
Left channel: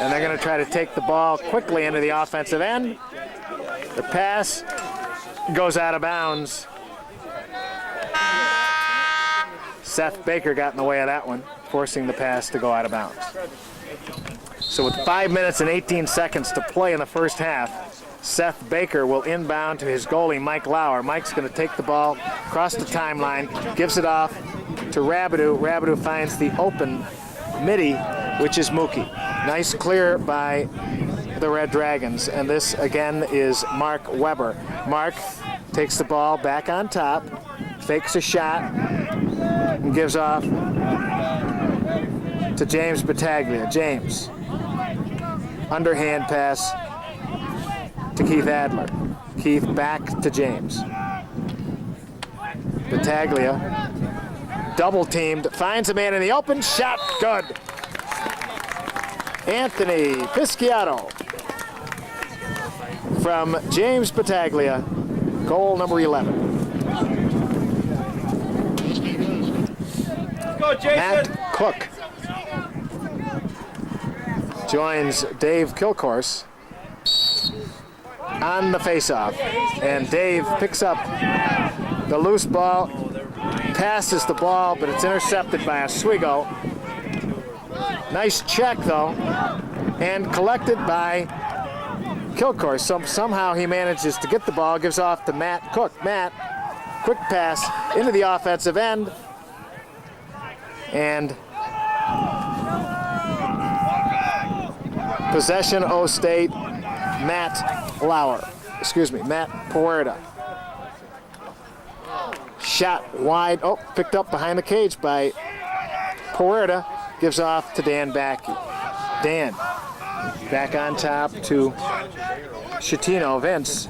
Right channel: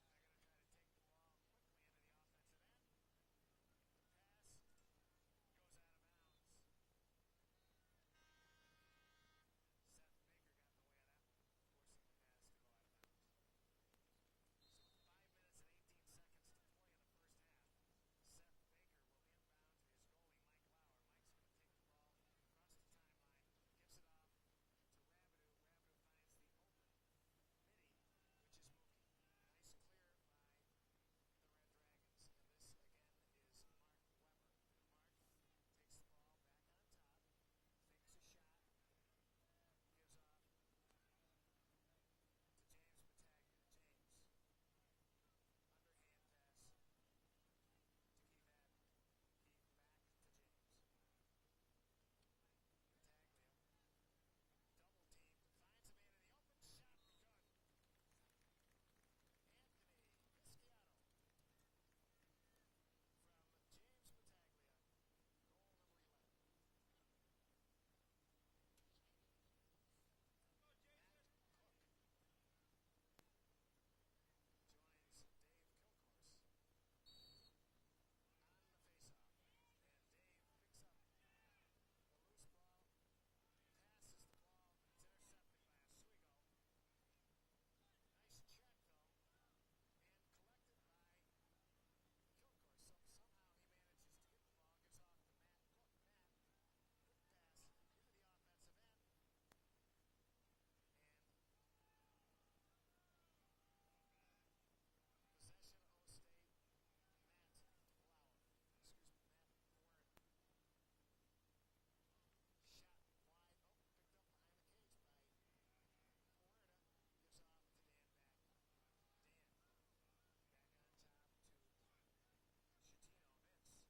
And they're going to try to take the ball quickly into the offensive end. The pass goes out of bounds. Seth Baker got in the way of that one, forcing the pass to go out of bounds. So with 5 minutes and 18 seconds to play in the first half, Seth Baker will inbound to his goalie, Mike Lauer. Mike's going to take the ball across the timeline, gives it off to Rabideau. Rabideau finds the open midi, which is Mookie. Nice clear by the Red Dragons, and this again is Mark Weber. Mark takes the ball back on top, fakes a shot, and gives off to James Battaglia. James, underhand pass to Keith Adler. Keith back to James. Battaglia, double teamed, finds a man in the open, shot good. Anthony Pisciato from James Battaglia, goal number 11. Go, Jason. Matt Cook joins Dave Kilcourse on the faceoff, and Dave picks up the loose ball, passes the ball, but it's intercepted by Oswego. Nice check though, and collected by Kilcourse. Somehow he manages to get the ball, gives off to Matt Cook. Matt, quick pass into the offensive end, and possession O-State. Matt Puerta. Shot wide, picked up behind the cage by Puerta, gives off to Dan Backy. Dan, back on top to Schettino. Vince,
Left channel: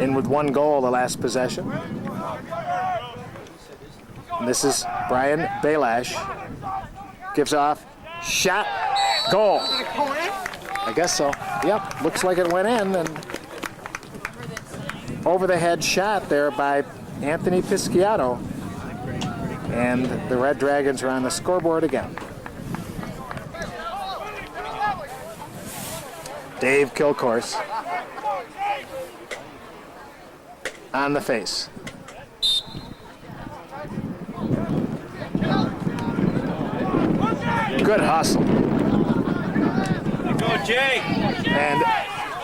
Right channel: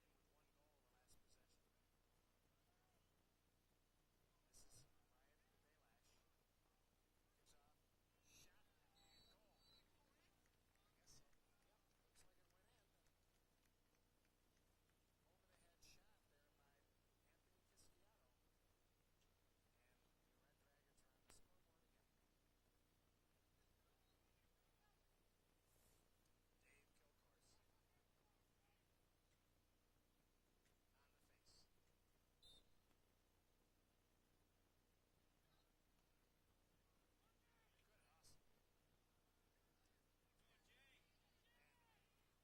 in with one goal the last possession. And this is Brian Belash, gives off, shot, goal. I guess so. Yep, looks like it went in, and over the head shot there by Anthony Pisciato. And the Red Dragons are on the scoreboard again. Dave Kilcourse on the face. Good hustle. Go, Jay. And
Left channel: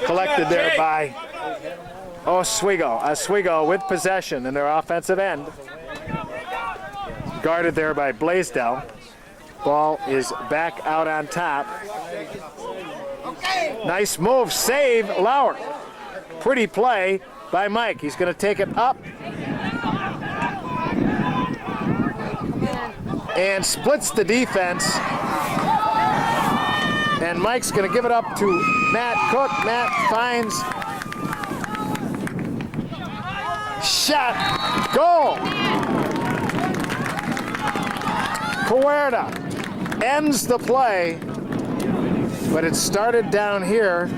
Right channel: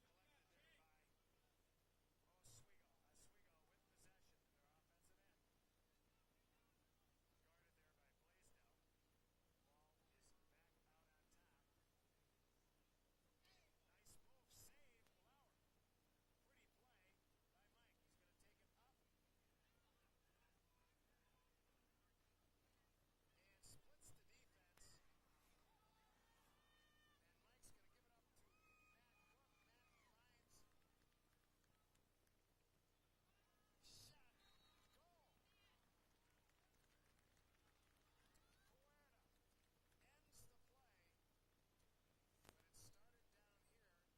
collected there by Oswego. Oswego with possession in their offensive end. Guarded there by Blaisdell. Ball is back out on top. Nice move, save, Lauer. Pretty play by Mike. He's going to take it up and splits the defense. And Mike's going to give it up to Matt Cook. Matt finds shot, goal. Puerta ends the play, but it started down here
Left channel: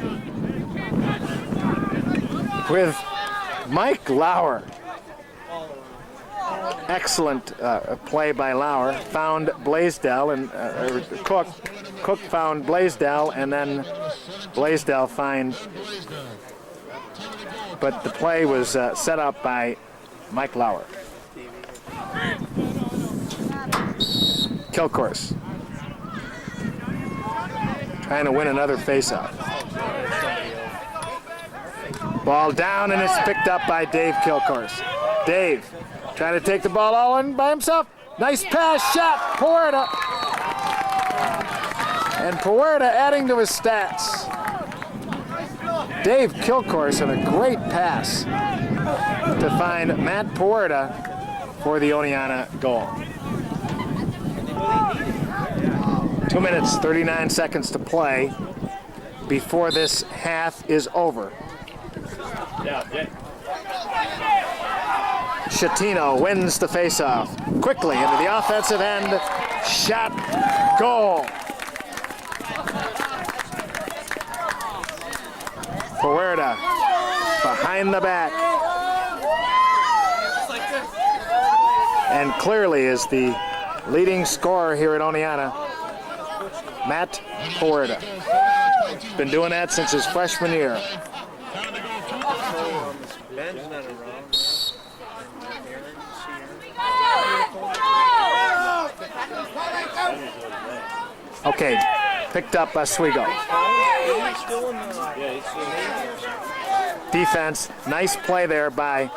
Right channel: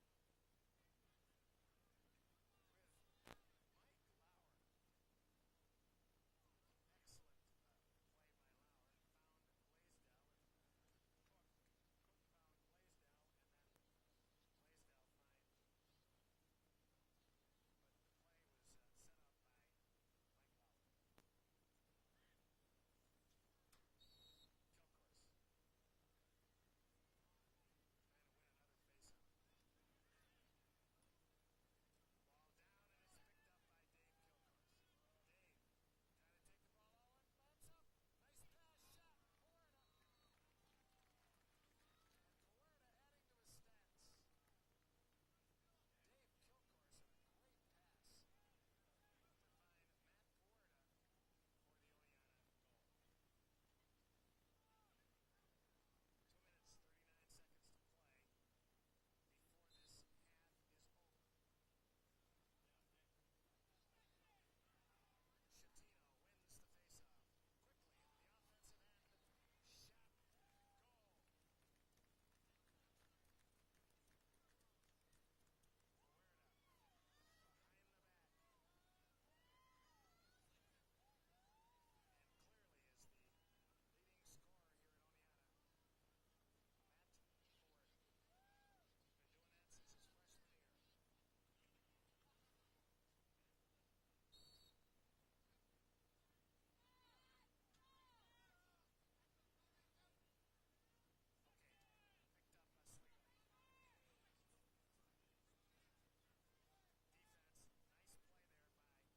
with Mike Lauer. excellent play by Lauer. Found Blaisdell and Cook. Cook found Blaisdell, and then Blaisdell find. But the play was set up by Mike Lauer. Kilcourse trying to win another faceoff. Ball down, and it's picked up by Dave Kilcourse. Dave trying to take the ball all in by himself. Nice pass, shot, Puerta. And Puerta adding to his stats. Dave Kilcourse had a great pass to find Matt Puerta for the Oneonta goal. 2 minutes, 39 seconds to play before this half is over. Shatino wins the faceoff quickly into the offensive end. Shot, goal. Puerta behind the back. And clearly is the leading scorer here at Oneonta, Matt Puerta. Been doing that since his freshman year. Okay, picked up Oswego. Defense, nice play there by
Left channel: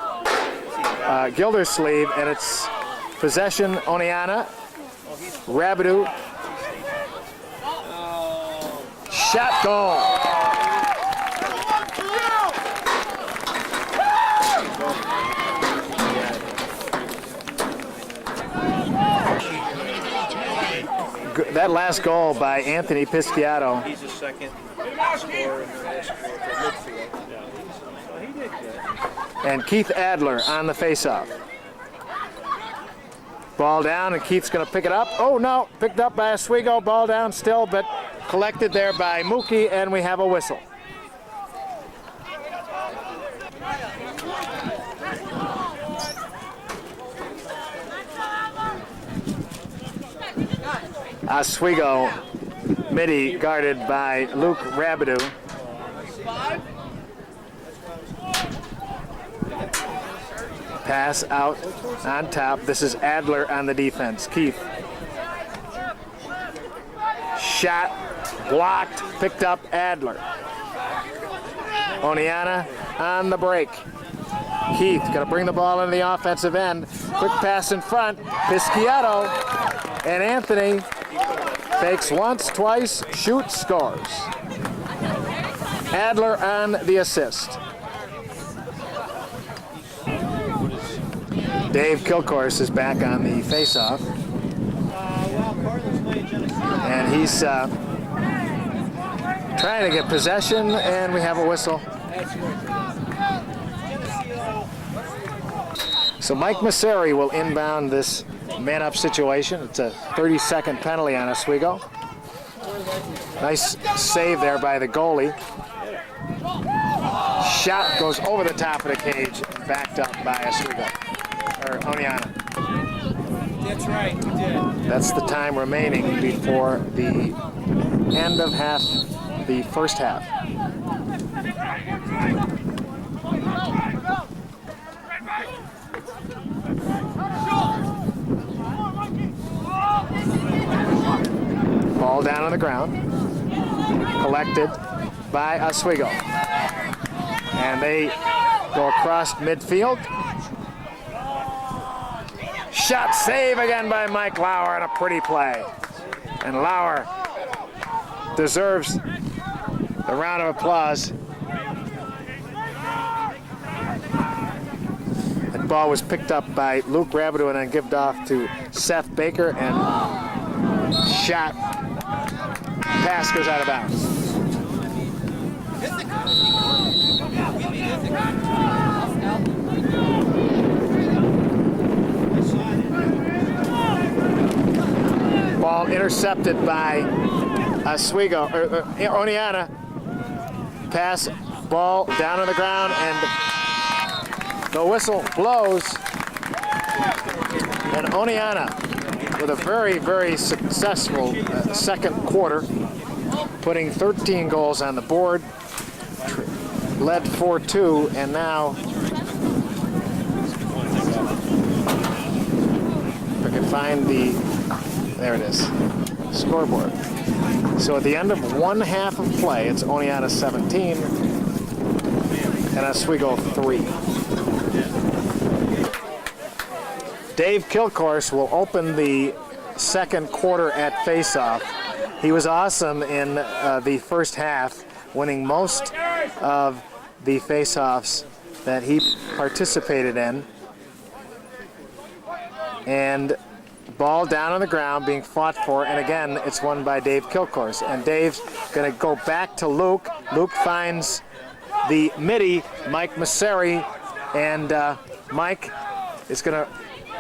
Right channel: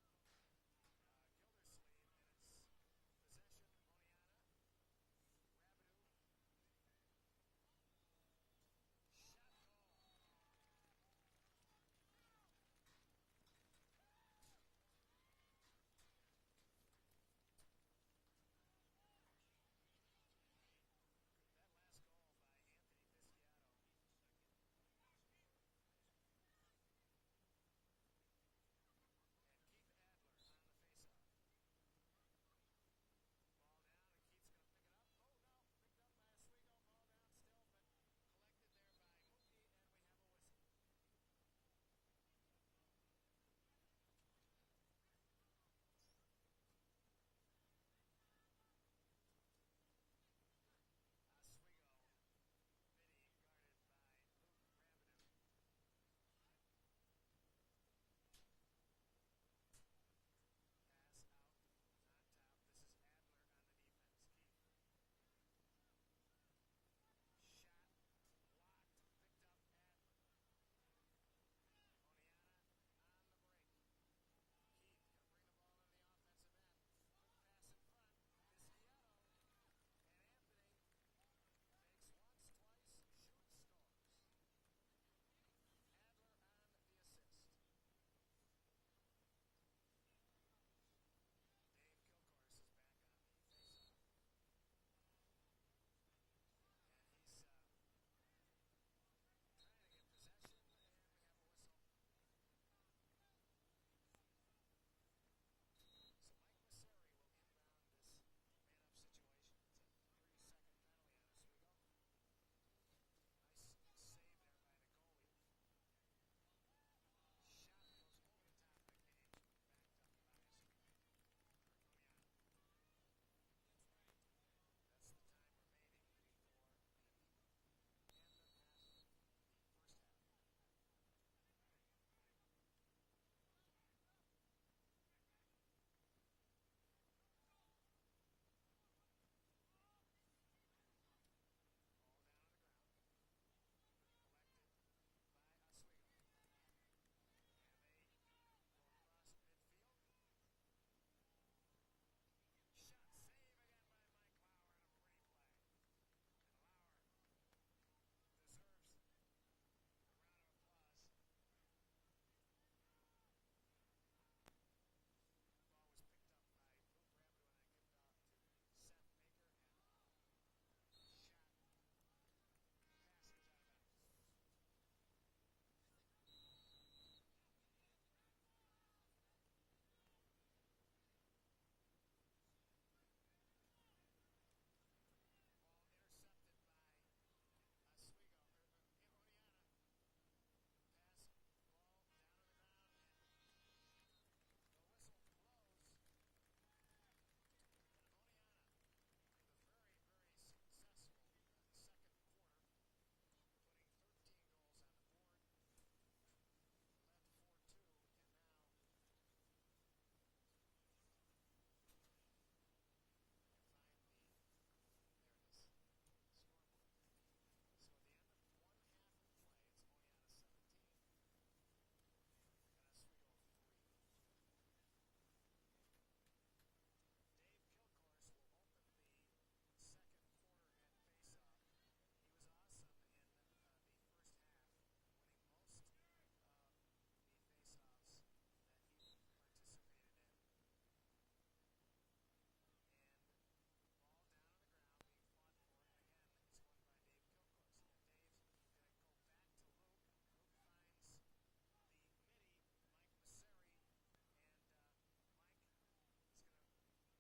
Gildersleeve, and it's possession Oneonta. Rabideau. Shot, goal. That last goal by Anthony Pisciato. He's a second scorer in the last quarter, midfield. So he did good. And Keith Adler on the faceoff. Ball down, and Keith's going to pick it up. Oh no, picked up by Oswego. Ball down still, but collected there by Mookie, and we have a whistle. Oswego midi guarded by Luke Rabideau. Pass out on top. This is Adler on the defense. Keith. Shot, blocked, picked up Adler. Oneonta on the break. Keith gonna bring the ball into the offensive end. Quick pass in front. Pisciato and Anthony fakes once, twice, shoots, scores. Adler on the assist. Dave Kilcourse is back on the faceoff. And he's trying to get possession, and we have a whistle. So Mike Masseri will inbound this man-up situation. It's a 30-second penalty on Oswego. Nice save there by the goalie. Shot goes over the top of the cage, backed up by Oswego, or Oneonta. That's right, we did. That's the time remaining before the end of the first half. Ball down on the ground, collected by Oswego. And they go across midfield. Shot, save again by Mike Lauer, and a pretty play. And Lauer deserves a round of applause. That ball was picked up by Luke Rabideau and then given off to Seth Baker, and shot, pass goes out of bounds. Ball intercepted by Oswego, Oneonta. Pass, ball down on the ground, and the whistle blows. And Oneonta with a very, very successful second quarter, putting 13 goals on the board, led 4-2, and now if I can find there it is, scoreboard. So at the end of one half of play, it's Oneonta 17 and Oswego 3. Dave Kilcourse will open the second quarter at faceoff. He was awesome in the first half, winning most of the faceoffs that he participated in. And ball down on the ground being fought for, and again, it's won by Dave Kilcourse. And Dave's gonna go back to Luke. Luke finds the midi, Mike Masseri, and Mike is gonna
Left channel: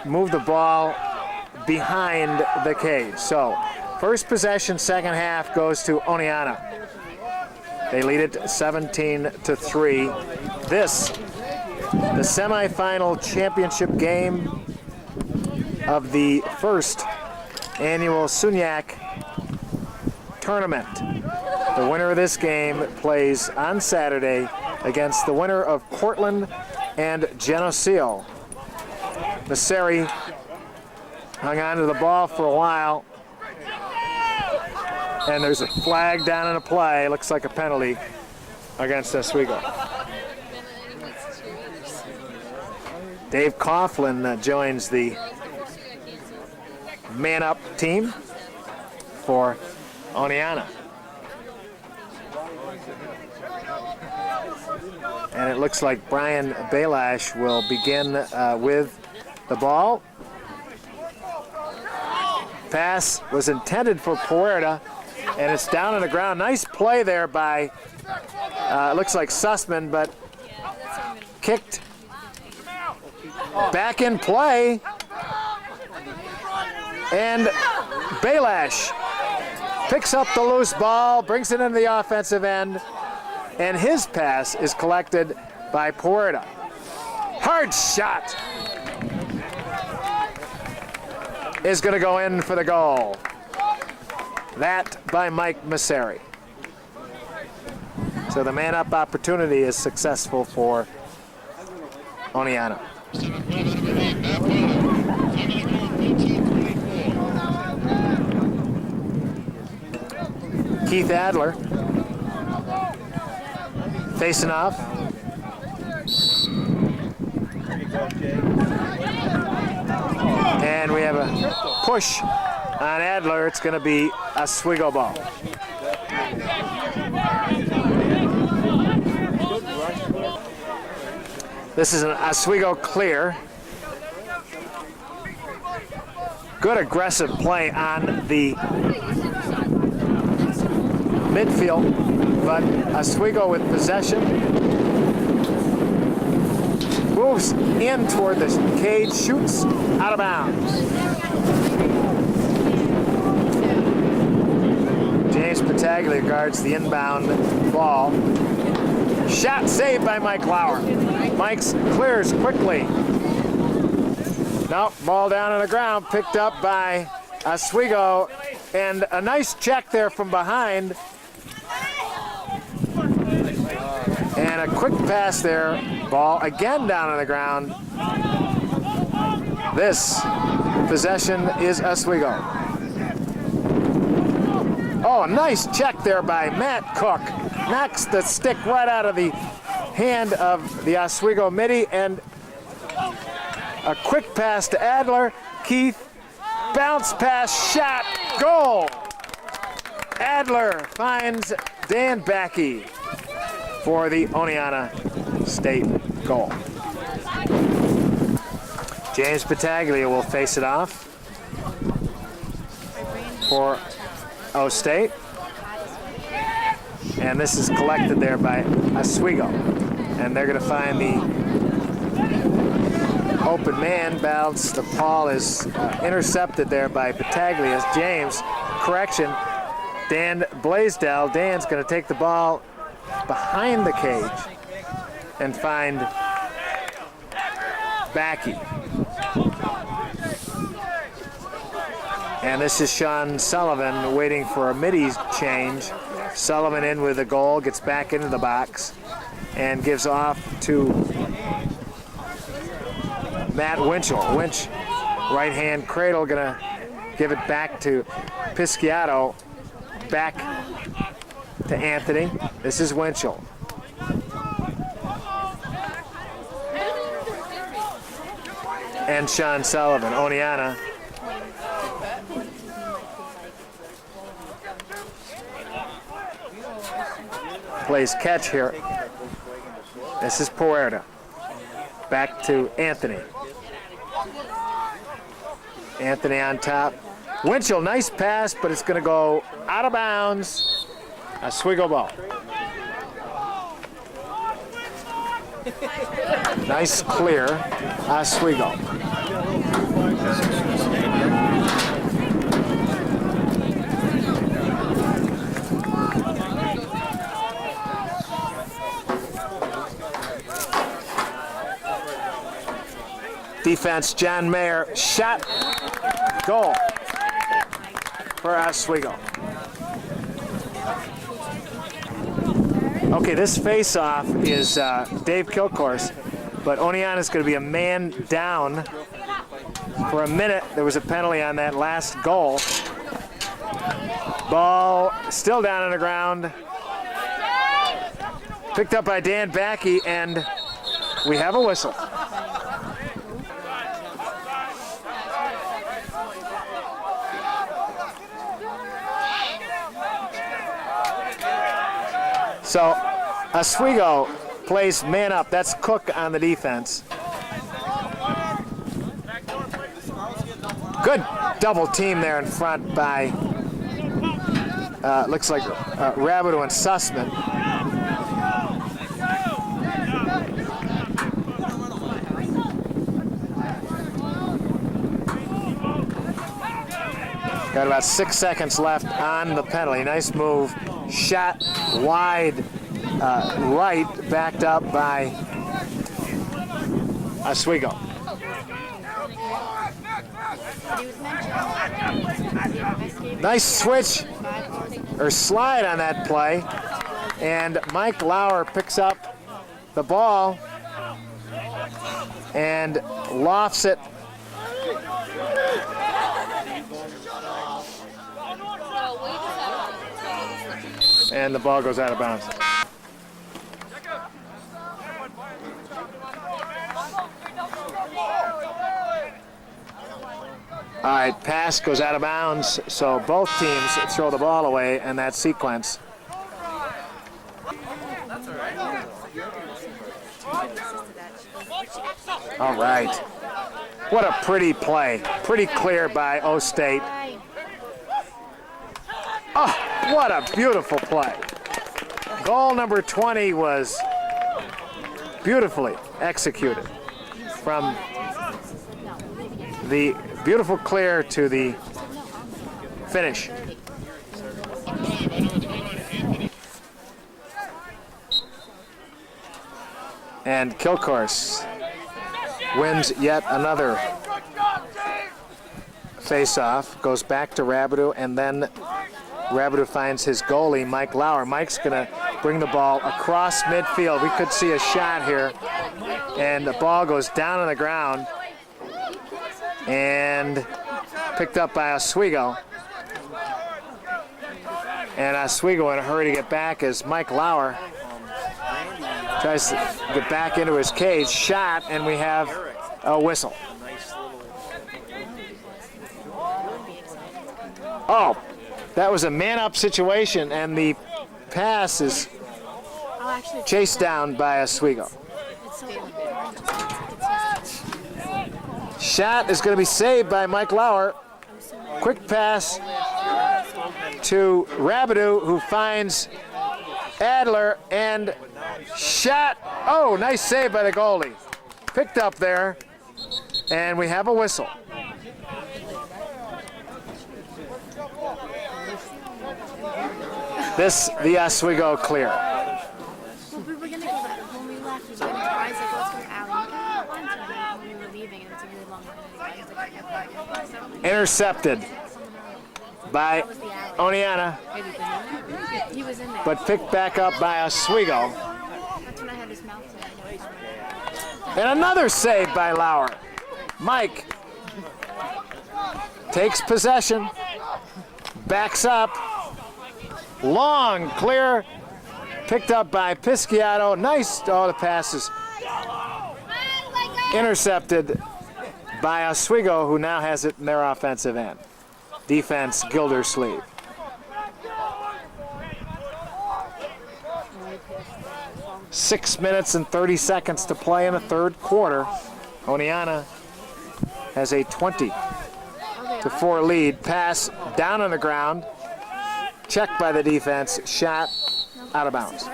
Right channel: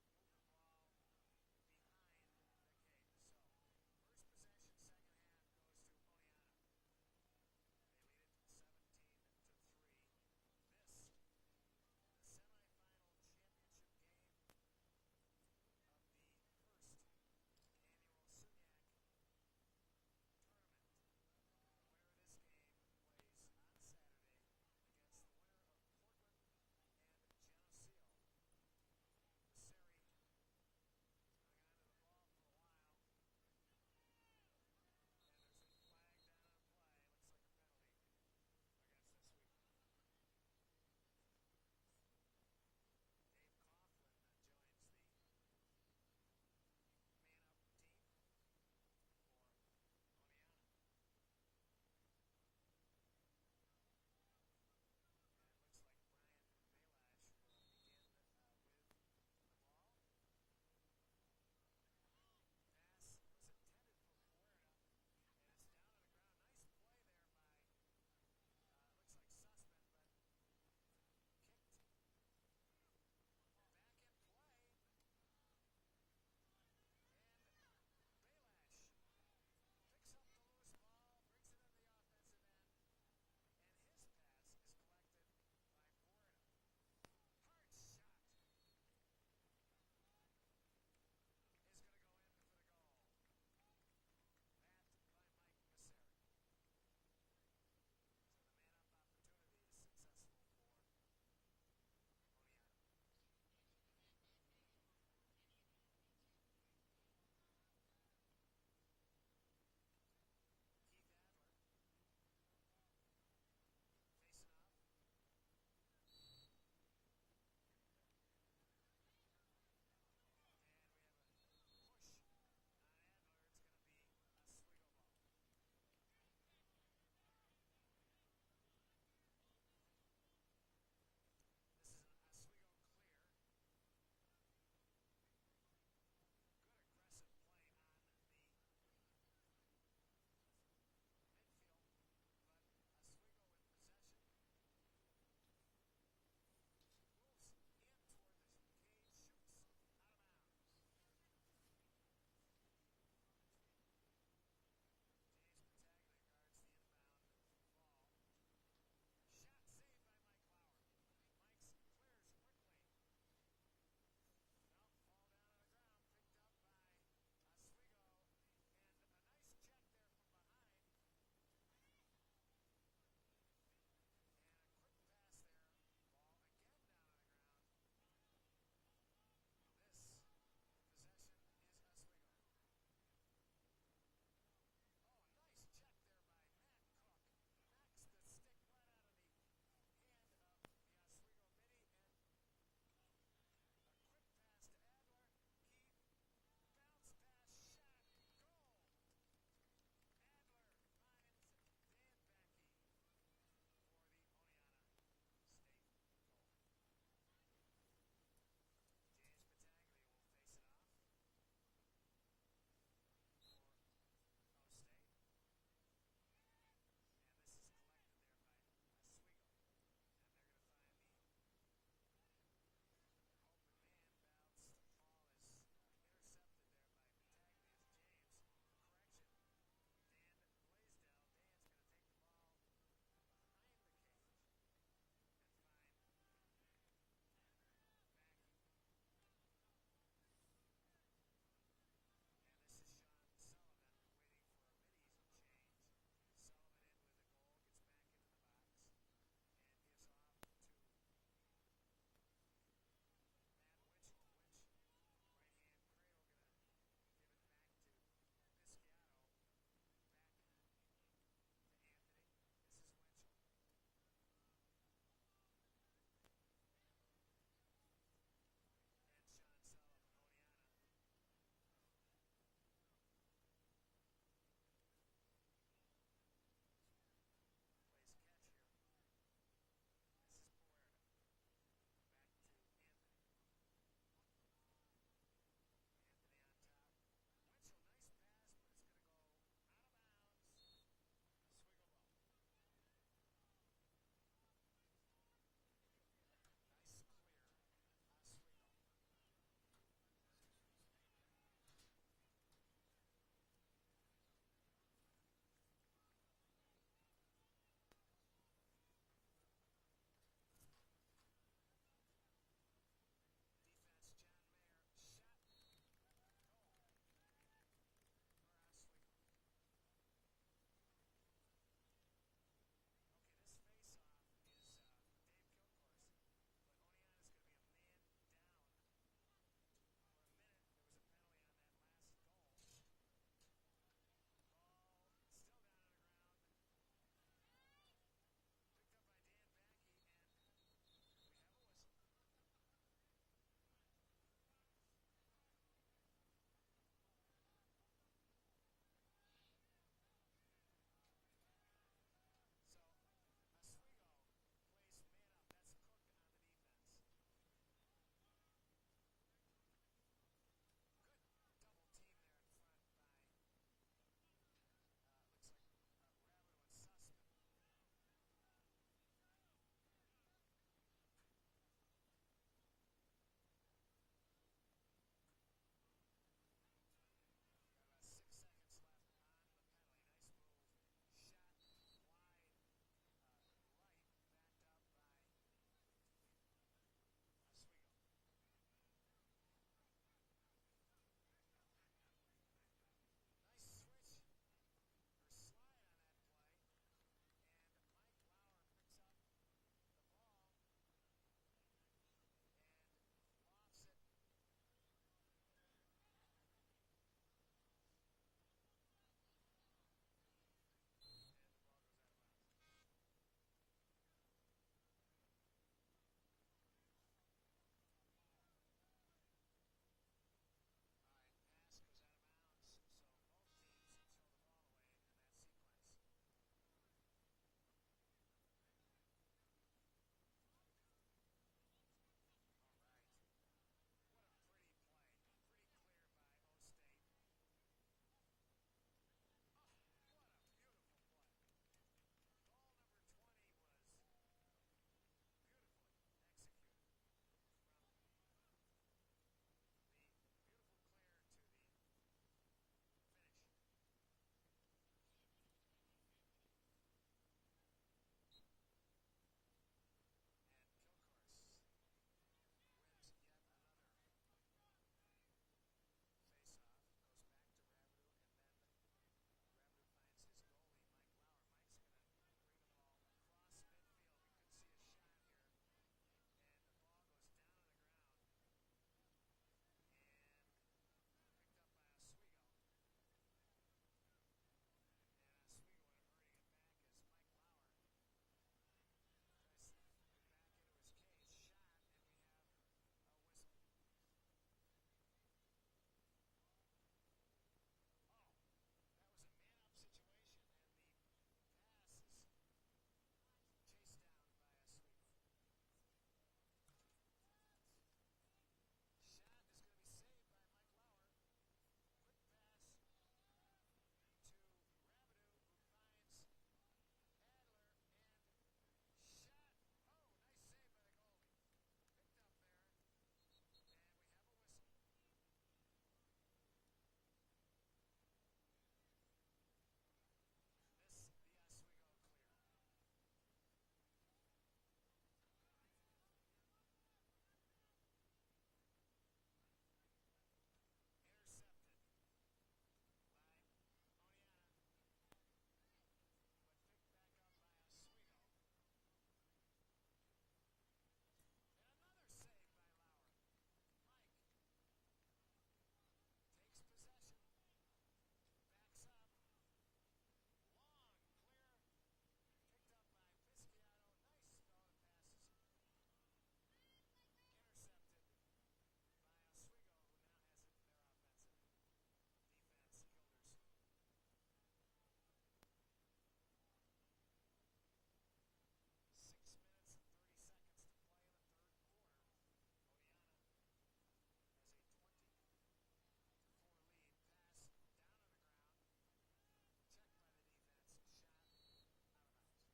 move the ball behind the cage. So, first possession, second half goes to Oneonta. They lead it 17-3. This, the semifinal championship game of the first annual SUNYAC tournament. The winner of this game plays on Saturday against the winner of Cortland and Geneseo. Masseri hung on to the ball for a while, and there's a flag down in a play. Looks like a penalty against Oswego. Dave Coughlin joins the man-up team for Oneonta. And it looks like Brian Balash will begin with the ball. Pass was intended for Puerta, and it's down on the ground. Nice play there by, it looks like Sussman, but kicked back in play. And Balash picks up the loose ball, brings it into the offensive end, and his pass is collected by Puerta. Hard shot is going to go in for the goal. That by Mike Masseri. So the man-up opportunity is successful for Oneonta. Keith Adler facing off. And we have a push on Adler. It's going to be a Oswego ball. This is an Oswego clear. Good aggressive play on the midfield, but Oswego with possession. Moves in toward the cage, shoots out of bounds. James Pataglia guards the inbound ball. Shot saved by Mike Lauer. Mike's clears quickly. Nope, ball down on the ground, picked up by Oswego, and a nice check there from behind. And a quick pass there, ball again down on the ground. This possession is Oswego. Oh, nice check there by Matt Cook. Knocks the stick right out of the hand of the Oswego midi, and a quick pass to Adler. Keith, bounce pass, shot, goal. Adler finds Dan Backey for the Oneonta State goal. James Pataglia will face it off for O State. And this is collected there by Oswego. And they're going to find the open man. Bounce. The ball is intercepted there by Pataglia. James, correction, Dan Blaisdell. Dan's going to take the ball behind the cage and find Backey. And this is Sean Sullivan waiting for a midi change. Sullivan in with the goal, gets back into the box, and gives off to Matt Winchell. Winch, right hand cradle, gonna give it back to Pisciato. Back to Anthony. This is Winchell. And Sean Sullivan. Oneonta plays catch here. This is Puerta. Back to Anthony. Anthony on top. Winchell, nice pass, but it's going to go out of bounds. Oswego ball. Nice clear, Oswego. Defense, John Mayer, shot, goal for Oswego. Okay, this face-off is Dave Kilcourse, but Oneonta is going to be a man down for a minute. There was a penalty on that last goal. Ball still down on the ground. Picked up by Dan Backey, and we have a whistle. So Oswego plays man up. That's Cook on the defense. Good double team there in front by, looks like Rabideau and Sussman. Got about 6 seconds left on the penalty. Nice move. Shot wide right, backed up by Oswego. Nice switch or slide on that play, and Mike Lauer picks up the ball and lofts it. And the ball goes out of bounds. All right, pass goes out of bounds, so both teams throw the ball away in that sequence. All right. What a pretty play. Pretty clear by O-State. Oh, what a beautiful play. Goal number 20 was beautifully executed from the beautiful clear to the finish. And Kilcourse wins yet another face-off, goes back to Rabideau, and then Rabideau finds his goalie, Mike Lauer. Mike's gonna bring the ball across midfield. We could see a shot here, and the ball goes down on the ground and picked up by Oswego. And Oswego in a hurry to get back as Mike Lauer tries to get back into his cage. Shot, and we have a whistle. Oh, that was a man-up situation, and the pass is chased down by Oswego. Shot is going to be saved by Mike Lauer. Quick pass to Rabideau, who finds Adler, and shot. Oh, nice save by the goalie. Picked up there, and we have a whistle. This, the Oswego clear. We were going to go back when we left. We went to Isaac, let's go to Allie. We went to when we were leaving, and it's a really long Intercepted by Oneonta, He was in there. but picked back up by Oswego. That's when I had his mouth in. And another save by Lauer. Mike takes possession, backs up, long, clear, picked up by Pisciato. Nice, the passes intercepted by Oswego, who now has it in their offensive end. Defense, Gildersleeve. Six minutes and 30 seconds to play in the third quarter. Oneonta has a 20-4 lead. Pass down on the ground. Checked by the defense. Shot out of bounds.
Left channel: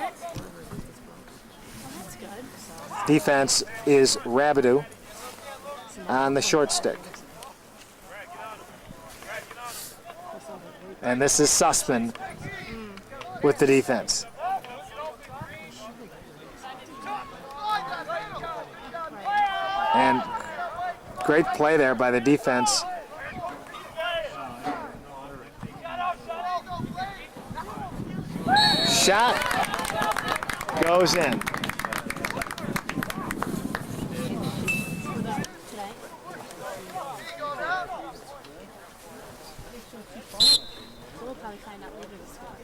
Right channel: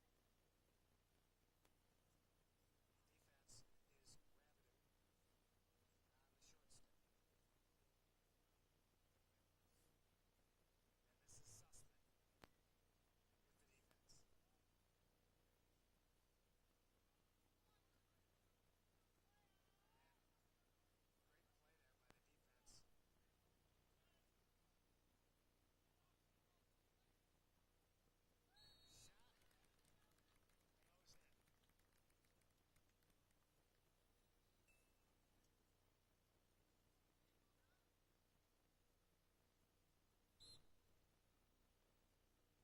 Defense is Rabidou on the short stick. And this is Sussman with the defense. And great play there by the defense. Shot goes in.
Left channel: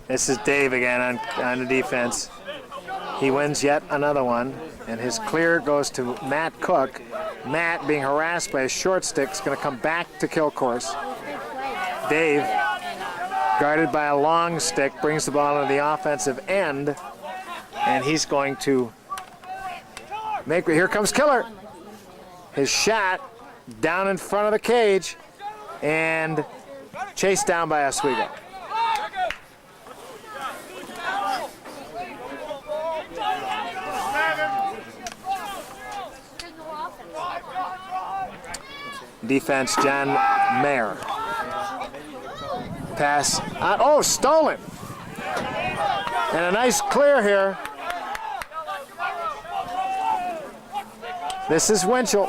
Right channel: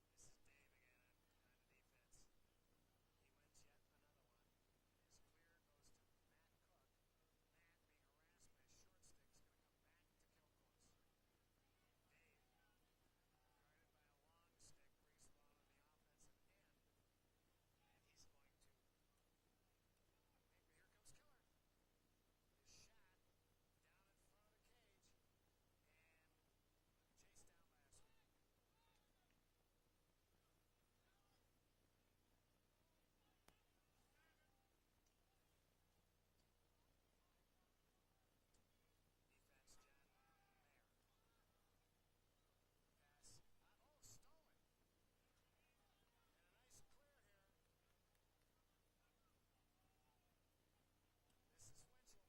This is Dave again on the defense. He wins yet another one, and his clear goes to Matt Cook. Matt, being harassed by his short stick, is going to come back to kill course. Dave, guarded by a long stick, brings the ball to the offensive end, and he's going to make. Here comes Killer. His shot down in front of the cage, and chased down by Oswego. Defense, John Mayer. Pass, stolen. And a nice clear here. This is Winchell.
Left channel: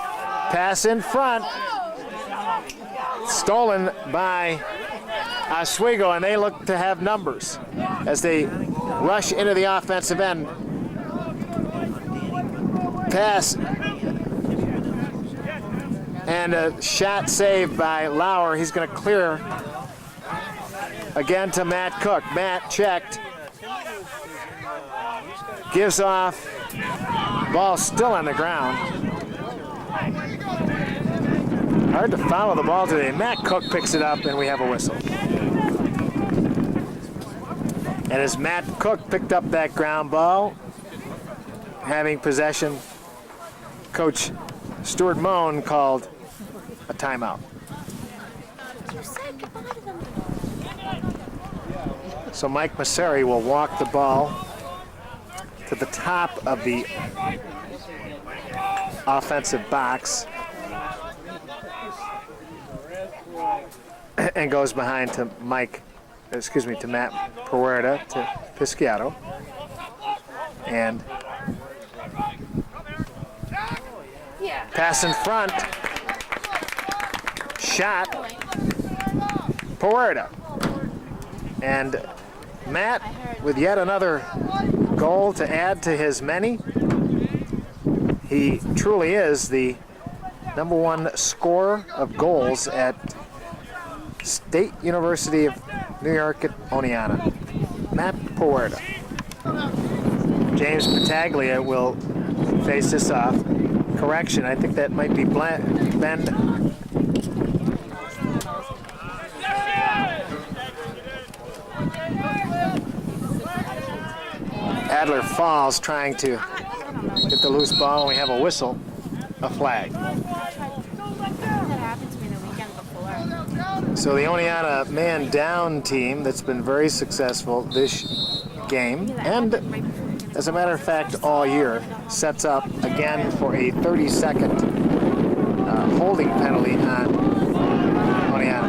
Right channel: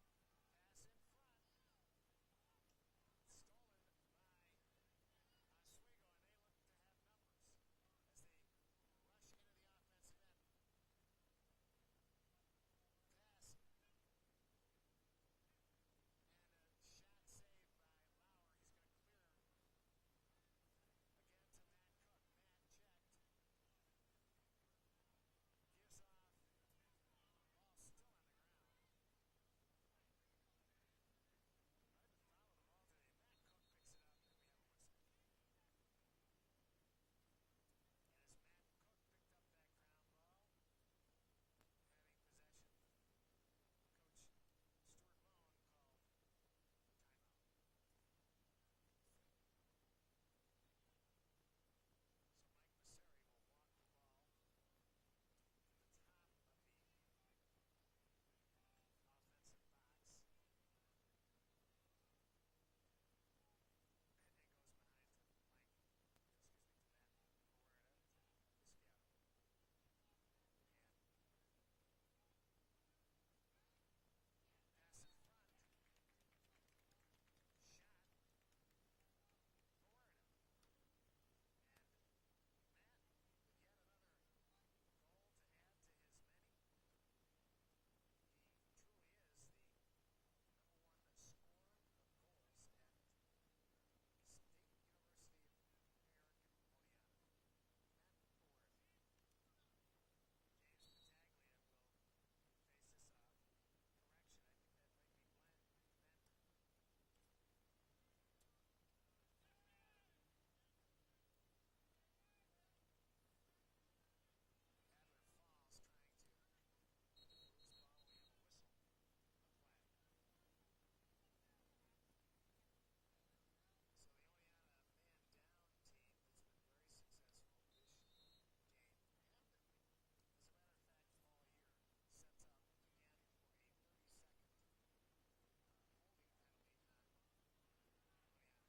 Pass in front. Stolen by Oswego, and they look to have numbers as they rush into the offensive end. Pass. And a shot saved by Lauer. He's going to clear again to Matt Cook. Matt checked. Gives off. Ball still on the ground. Hard to follow the ball today. Matt Cook picks it up, and we have a whistle. And as Matt Cook picked up that ground ball, having possession, Coach Stuart Moan called a timeout. So Mike Masseri will walk the ball to the top of the offensive box and goes behind to Matt Puerta to Pisciato. And pass in front. Shot. Puerta. And Matt with yet another goal to add to his many. He truly is the #1 scorer of goals at State University of New York at Oneonta. Matt Puerta. James Battaglia will face this off. Correction, I think that might be Ben. Adler Falls trying to get the loose ball, and we have a whistle, a flag. So the Oneonta man down team that's been very successful this game, and as a matter of fact all year, sets up again for a 30-second holding penalty on Oneonta.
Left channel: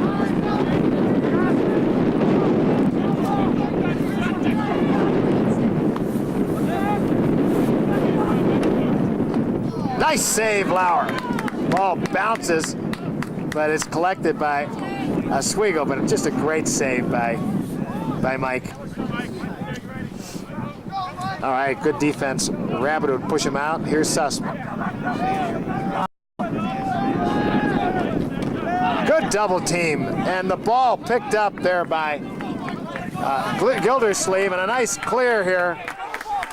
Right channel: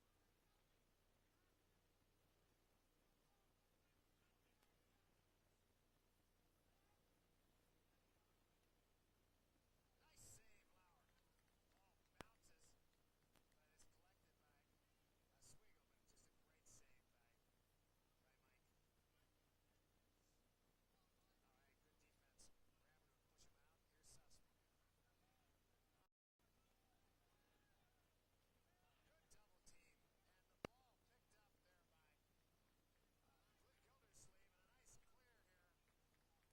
Nice save, Lauer. ball bounces, but it's collected by Oswego, but it's just a great save by Mike. All right, good defense. Rabbit would push him out. Here's Sussman. Good double team, and the ball picked up there by Gildersleeve, and a nice clear here.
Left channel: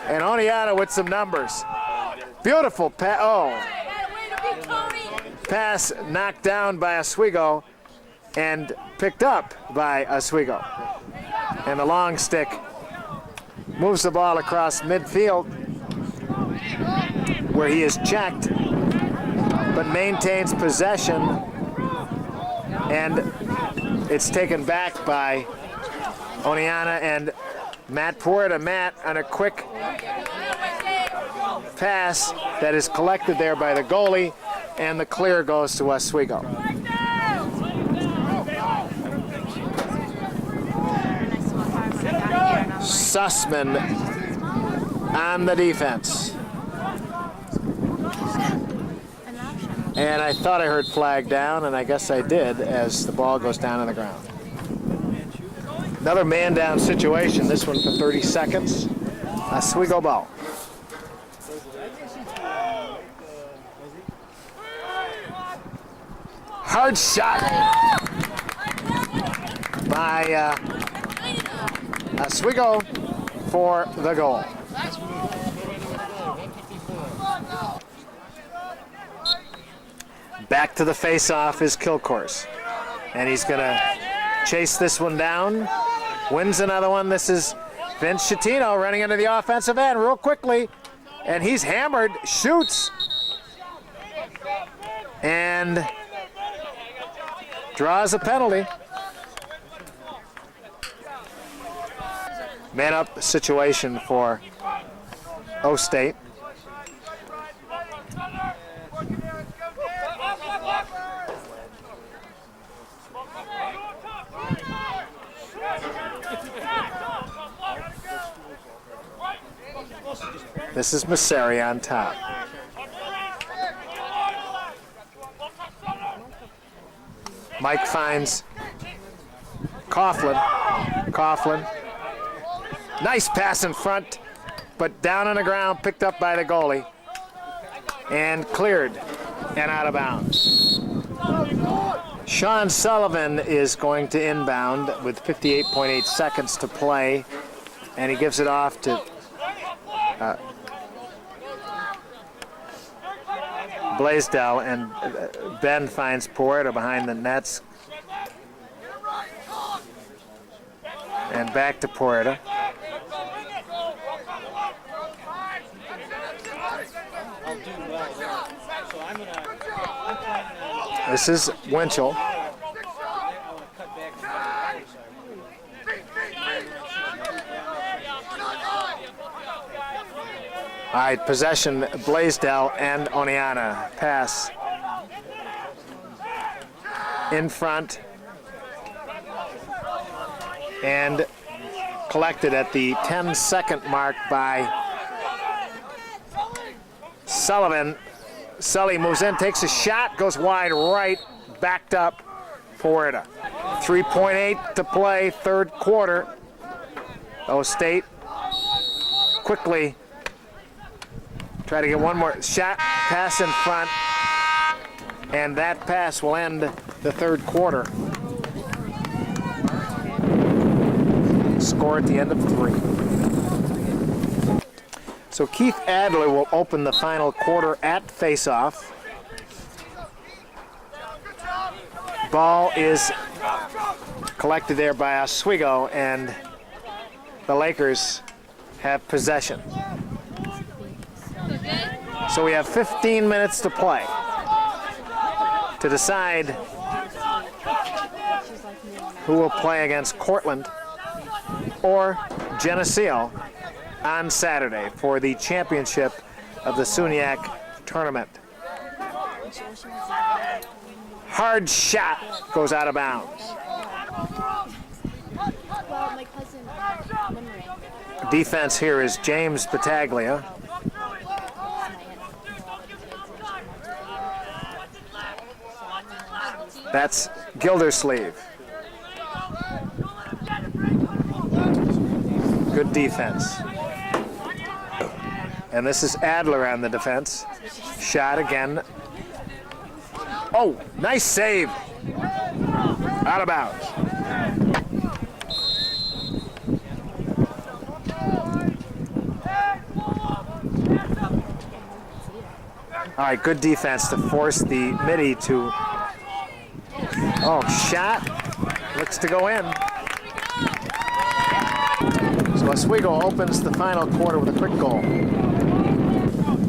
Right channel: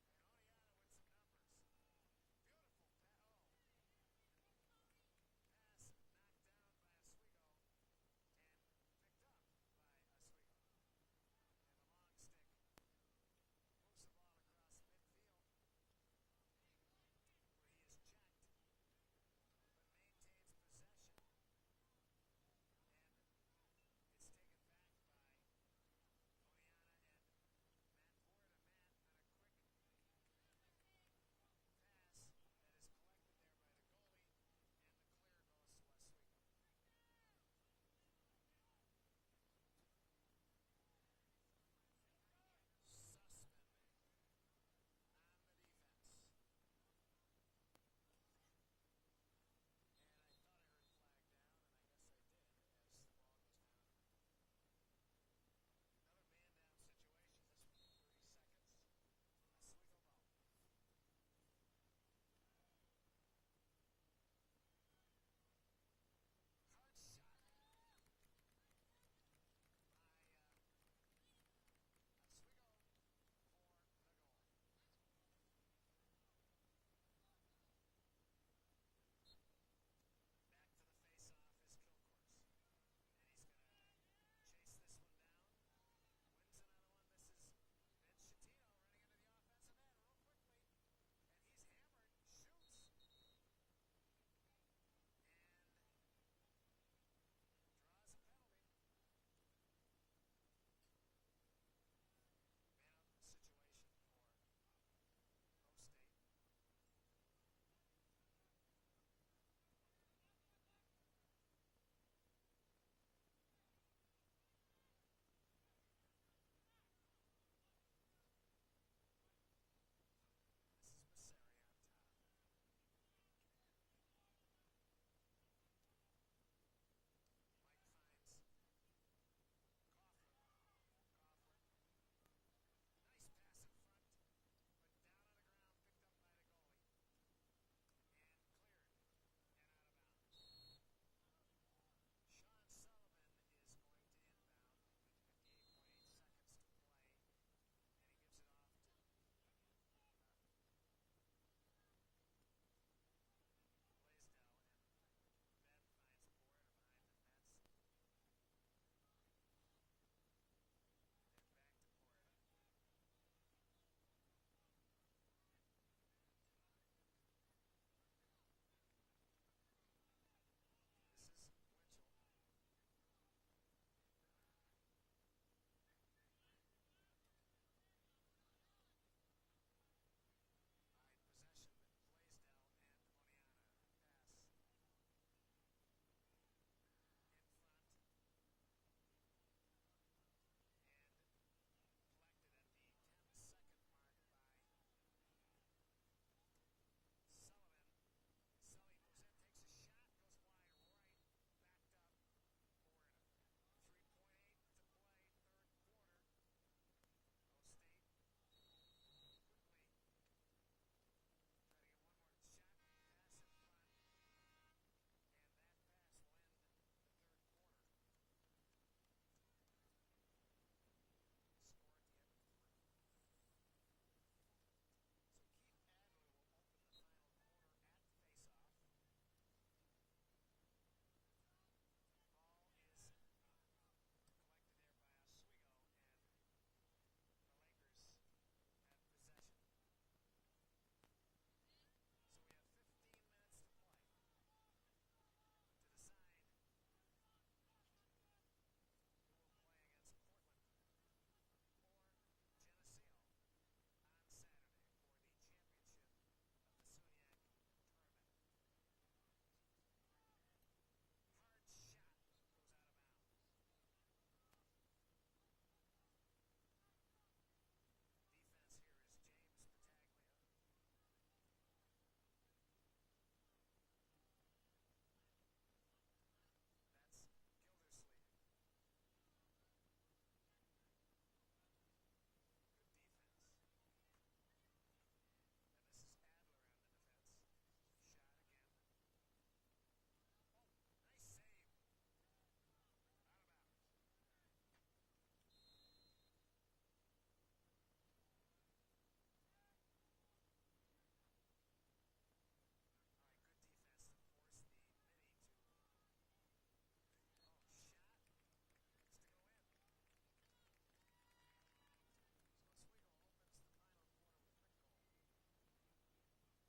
And Oneonta with some numbers. Beautiful pass. Oh. Pass knocked down by Oswego and picked up by Oswego. And the long stick moves the ball across midfield where he is checked but maintains possession, and it's taken back by Oneonta and Matt Puerta. Matt on a quick pass that is collected there by the goalie, and the clear goes to Oswego. Sussman on the defense. And I thought I heard flag down, and I guess I did as the ball goes down on the ground. Another man down situation, this one for 30 seconds. Oswego ball. Hard shot by Oswego for the goal. Back to the face-off is Kilcourse, and he's going to chase this one down. Wins another one. This is Vince Schettino running into the offensive end real quickly, and he's hammered, shoots, and draws a penalty. Man-up situation for O-State. This is Masseri on top. Mike finds Coughlin. Coughlin. Nice pass in front, but down on the ground, picked up by the goalie, and cleared and out of bounds. Sean Sullivan is going to inbound with 58.8 seconds to play, and he gives it off to Blaisdell, and Ben finds Puerta behind the nets. And back to Puerta. This is Winchell. All right, possession, Blaisdell and Oneonta. Pass in front and collected at the 10-second mark by Sullivan. Sully moves in, takes a shot, goes wide right, backed up Puerta. 3.8 to play, third quarter. O-State quickly try to get one more shot, pass in front, and that pass will end the third quarter. Score at the end of 3. So Keith Adler will open the final quarter at face-off. Ball is collected there by Oswego, and the Lakers have possession. So we have 15 minutes to play to decide who will play against Cortland or Geneseo on Saturday for the championship of the SUNYAC tournament. Hard shot goes out of bounds. Defense here is James Battaglia. That's Gildersleeve. Good defense. And this is Adler on the defense. Shot again. Oh, nice save. Out of bounds. All right, good defense to force the midi to, oh, shot, looks to go in. So Oswego opens the final quarter with a quick goal.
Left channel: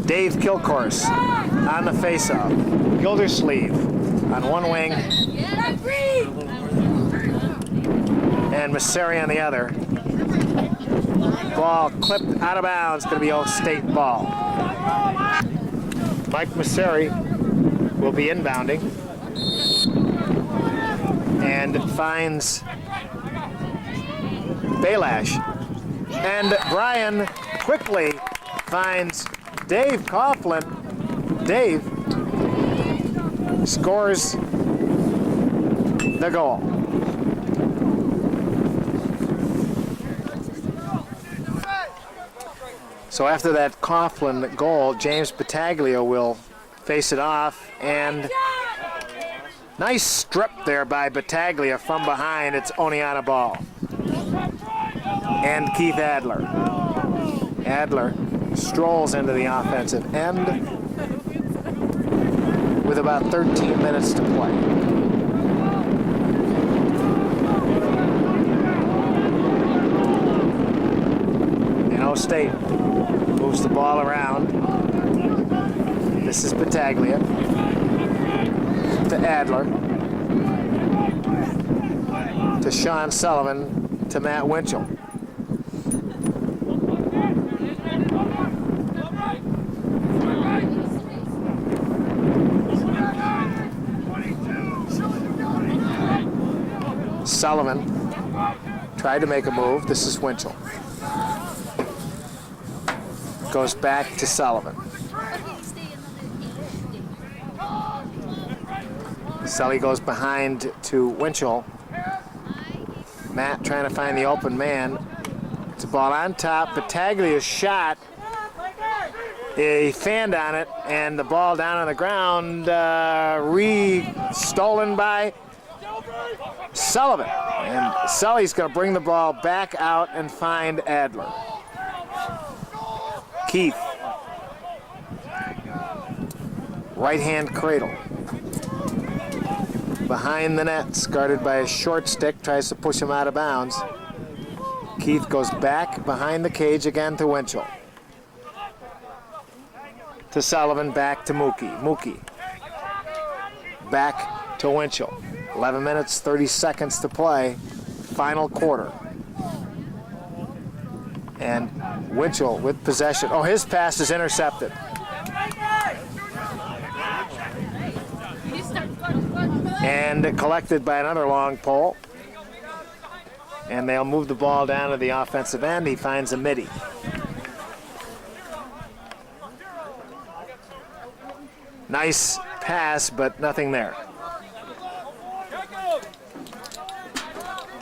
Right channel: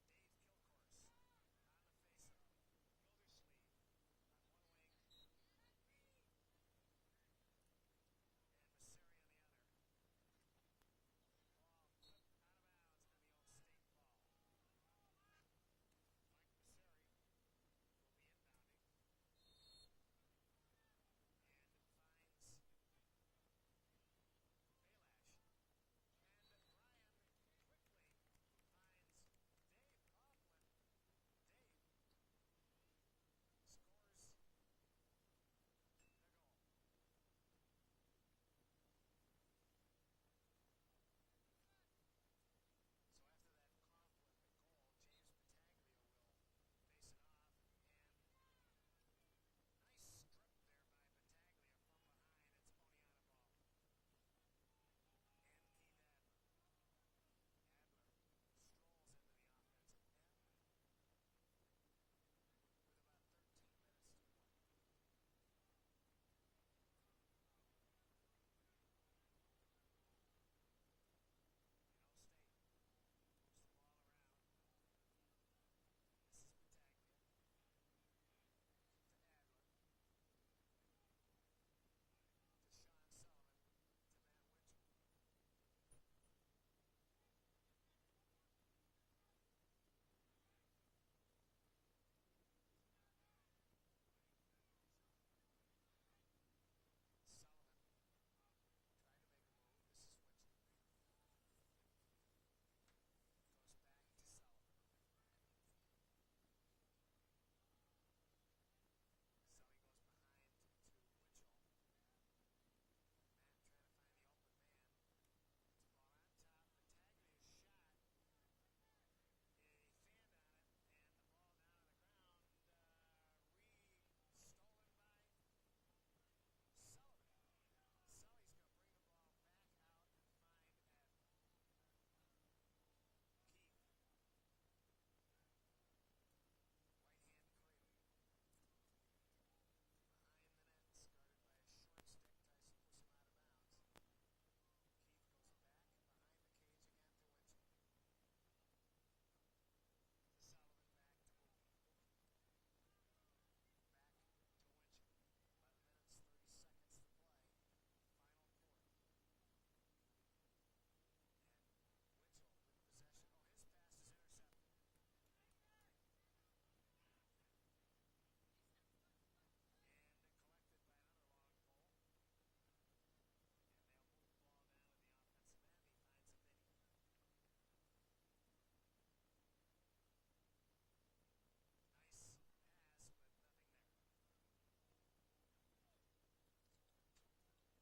Dave Kilcourse on the faceoff. Gildersleeve on one wing. And Masseri on the other. Ball clipped out of bounds, going to be Old State ball. Mike Masseri will be inbounding and finds Belash. And Brian quickly finds Dave Coughlin. Dave scores the goal. So after that Coughlin goal, James Battaglia will face it off, and nice strip there by Battaglia from behind. It's Oneonta ball. And Keith Adler. Adler strolls into the offensive end with about 13 minutes to play. And O State moves the ball around. This is Battaglia to Adler to Sean Sullivan to Matt Winchell. Sullivan tried to make a move. This is Winchell. Goes back to Sullivan. Sully goes behind to Winchell. Matt trying to find the open man. It's a ball on top. Battaglia's shot. He fanned on it, and the ball down on the ground, stolen by Sullivan. And Sully's going to bring the ball back out and find Adler. Keith. Right-hand cradle. Behind the nets, guarded by a short stick, tries to push him out of bounds. Keith goes back behind the cage again to Winchell. To Sullivan, back to Mookie. Mookie. Back to Winchell. 11 minutes, 30 seconds to play. Final quarter. And Winchell with possession. Oh, his pass is intercepted. And collected by another long pole. And they'll move the ball down to the offensive end. He finds a midi. Nice pass, but nothing there.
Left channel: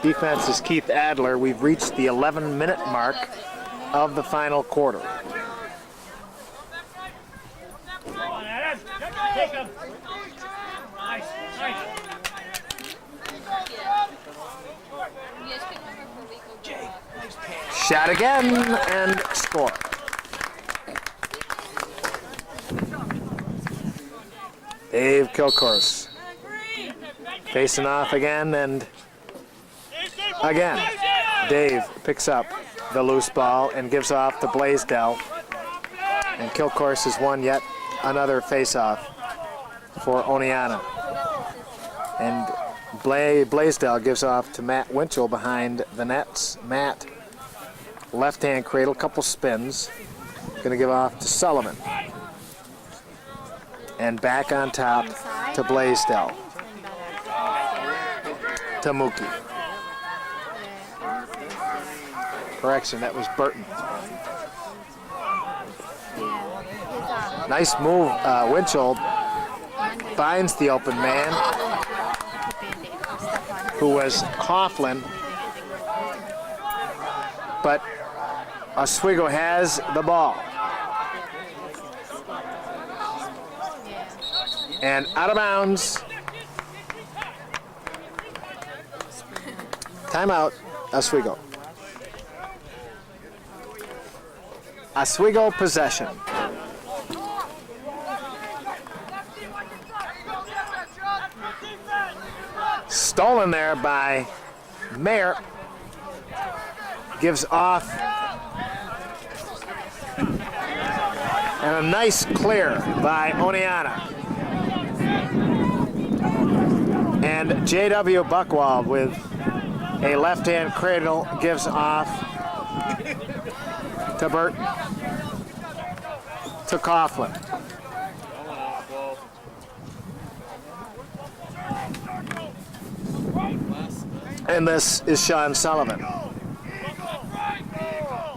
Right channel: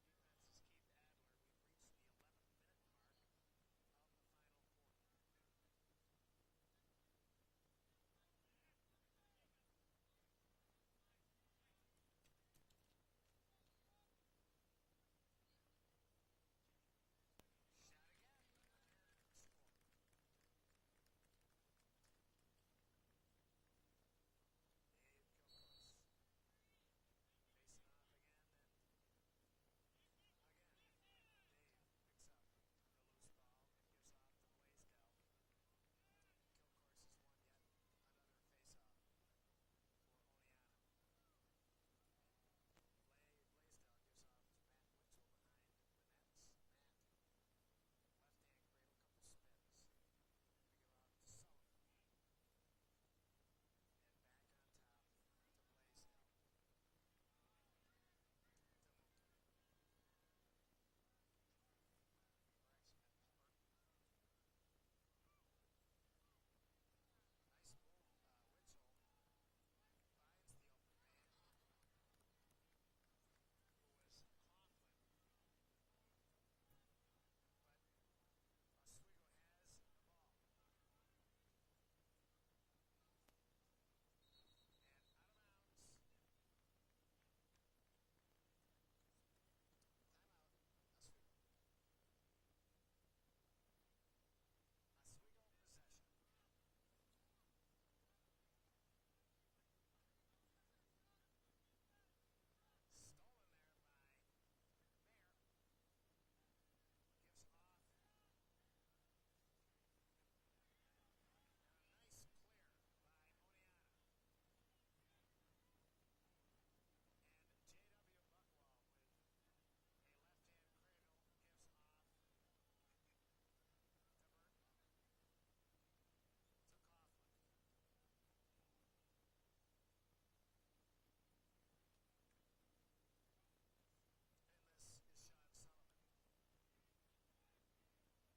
Defense is Keith Adler. We've reached the 11-minute mark of the final quarter. Shot again and score. Dave Kilcourse facing off again, and again Dave picks up the loose ball and gives off to Blaisdell, and Kilcourse has won yet another face-off for Oneonta. And Blaisdell gives off to Matt Winchell behind the nets. Matt, left-hand cradle, couple spins, gonna give off to Sullivan. And back on top to Blaisdell. To Mookie. Correction, that was Burton. Nice move. Winchell finds the open man who was Coughlin. But Oswego has the ball. And out of bounds. Timeout, Oswego. Oswego possession. Stolen there by Mayer. Gives off. And a nice clear by Oneonta. And J.W. Buchwald with a left-hand cradle gives off to Burton. To Coughlin. And this is Sean Sullivan.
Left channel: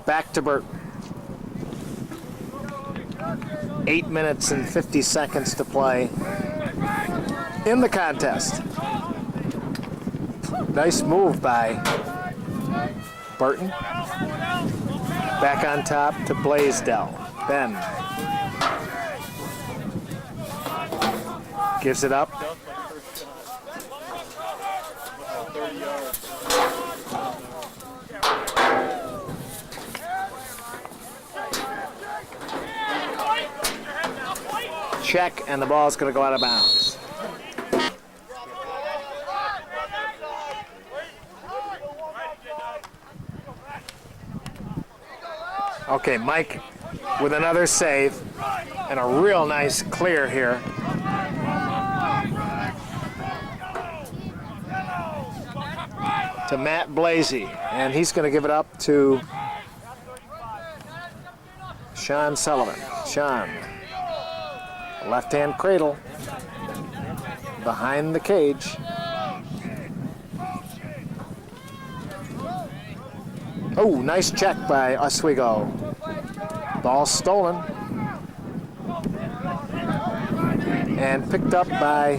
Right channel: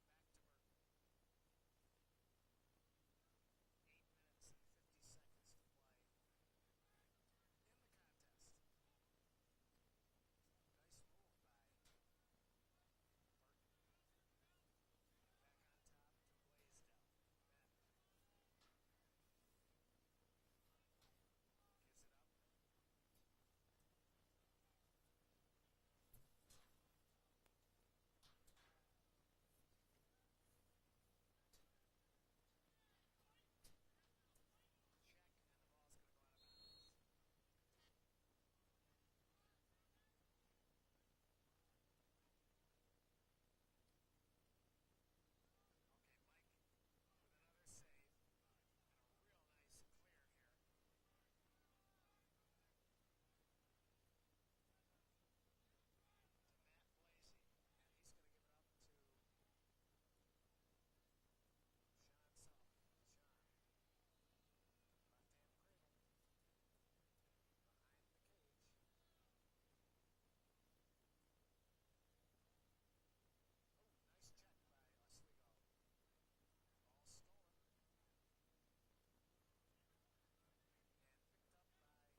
Back to Burton. 8 minutes and 50 seconds to play in the contest. Nice move by Burton. Back on top to Blaisdell. Ben gives it up. Check, and the ball is going to go out of bounds. Okay, Mike with another save and a real nice clear here. To Matt Blasey, and he's going to give it up to Sean Sullivan. Sean, left-hand cradle behind the cage. Oh, nice check by Oswego. Ball stolen. And picked up by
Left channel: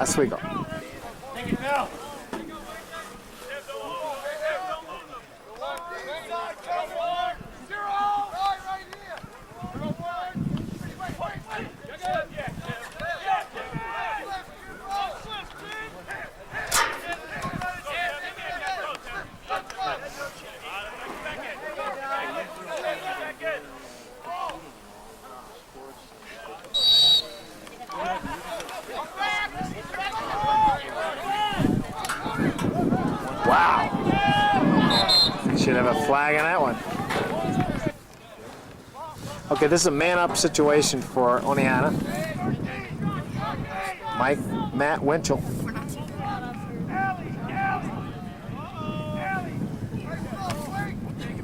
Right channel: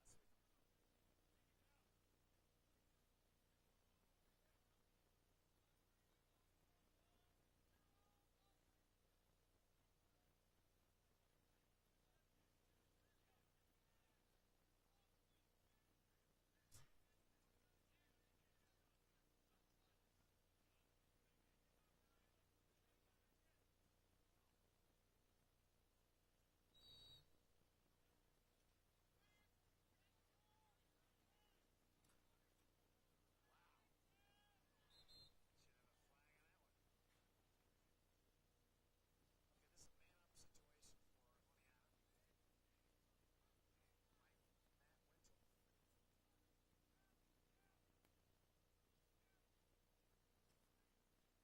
Oswego. Wow. Should have a flag on that one. Okay, this is a man-up situation for Oneonta. Matt Winchell.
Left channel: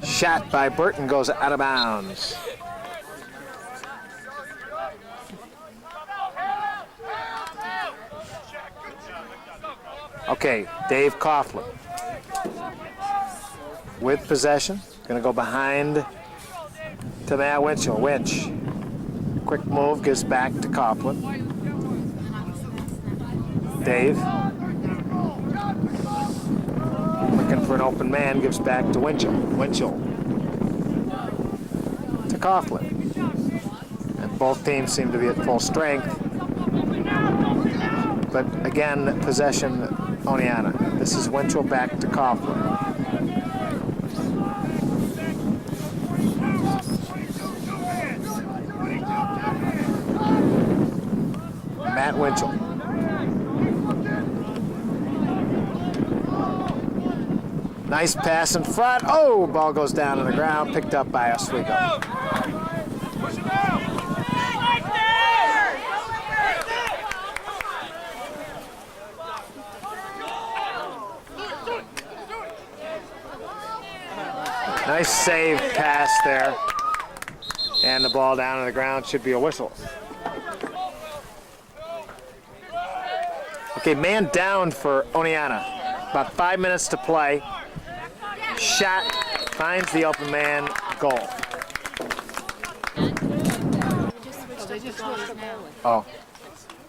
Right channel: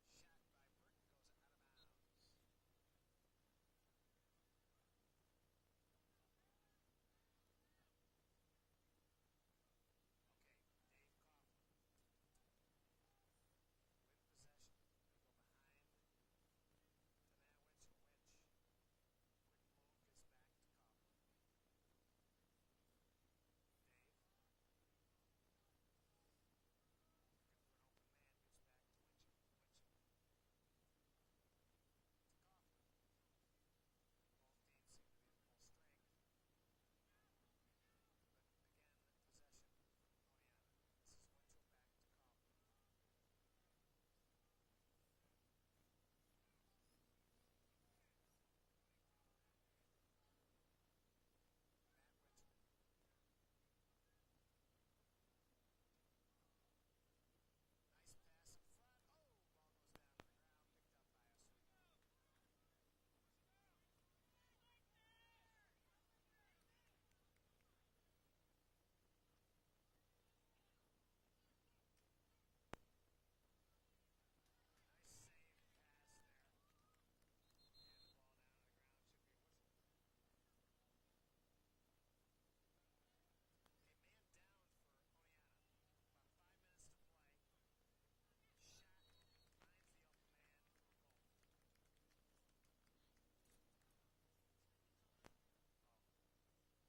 Shot by Burton goes out of bounds. Okay, Dave Coughlin with possession. Gonna go behind to Matt Winchell. Winch, quick move, gives back to Coughlin. Dave, looking for an open man, gives back to Winchell. Winchell to Coughlin. And both teams seem to be at full strength. But again, possession, Oneonta. This is Winchell back to Coughlin. Matt Winchell. Nice pass in front. Oh, ball goes down on the ground, picked up by Oswego. Nice save pass there. And the ball down on the ground, should be a whistle. Okay, man down for Oneonta. About 5 minutes to play. Shot, finds the open man, goal. They just switched up the goalie. Oh,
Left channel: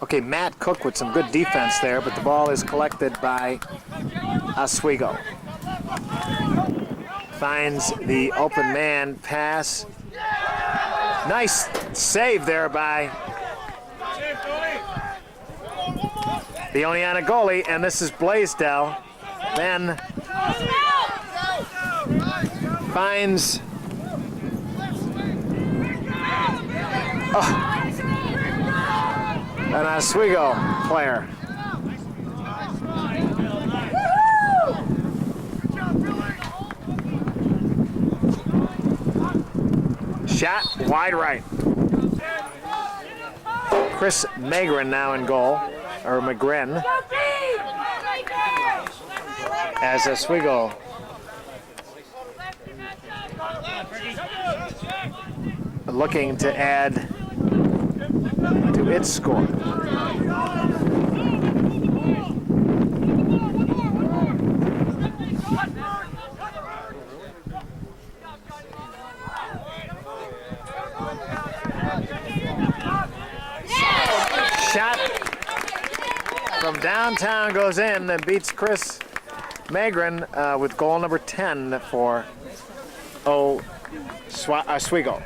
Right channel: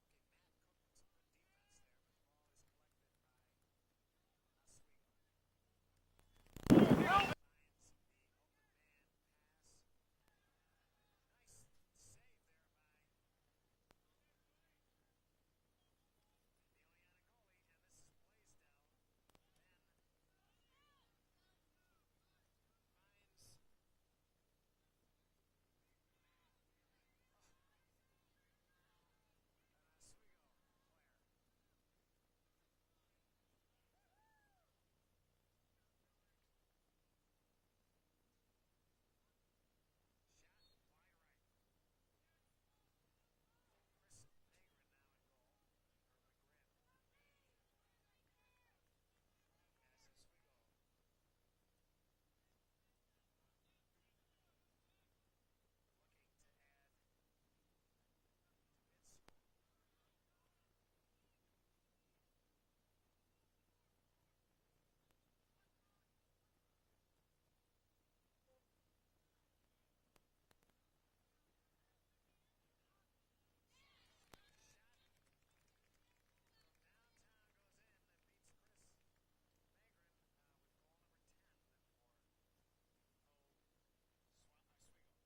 Okay, Matt Cook with some good defense there, but the ball is collected by Oswego. Finds the open man pass. Nice save there by the Oneonta goalie, and this is Blaisdell. Then finds an Oswego player. Shot wide right. Chris Magrin now in goal, or McGren, as Oswego looking to add to its score. Shot from downtown goes in and beats Chris Magrin with goal number 10 for Oswego.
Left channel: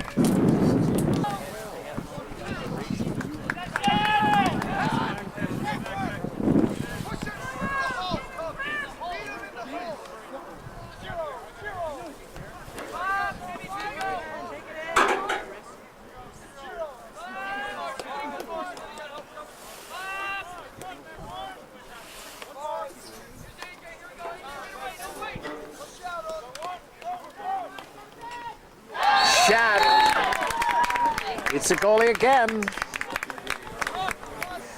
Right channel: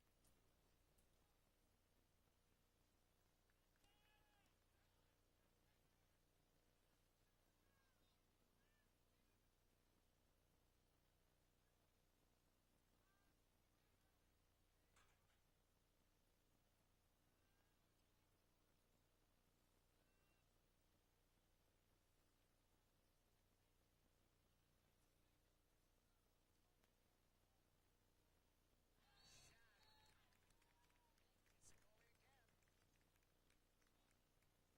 It's a goalie again.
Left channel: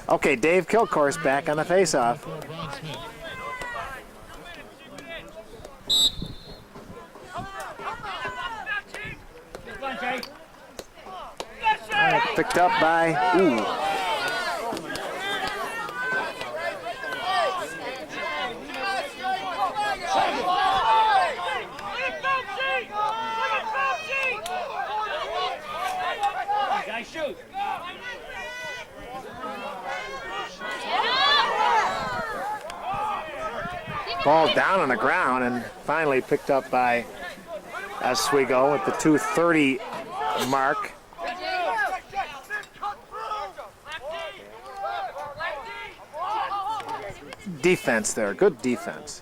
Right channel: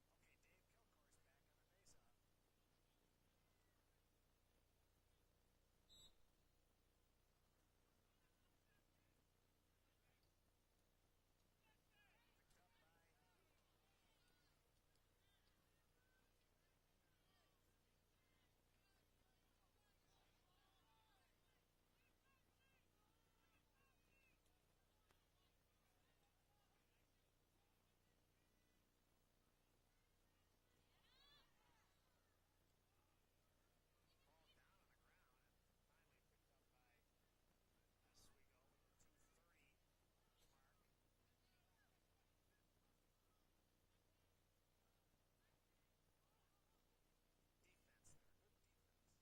Okay, Dave Kilcourse back on the faceoff. Picked up by, ball down on the ground and finally picked up by Oswego at the 2:30 mark. Defense there, good defense.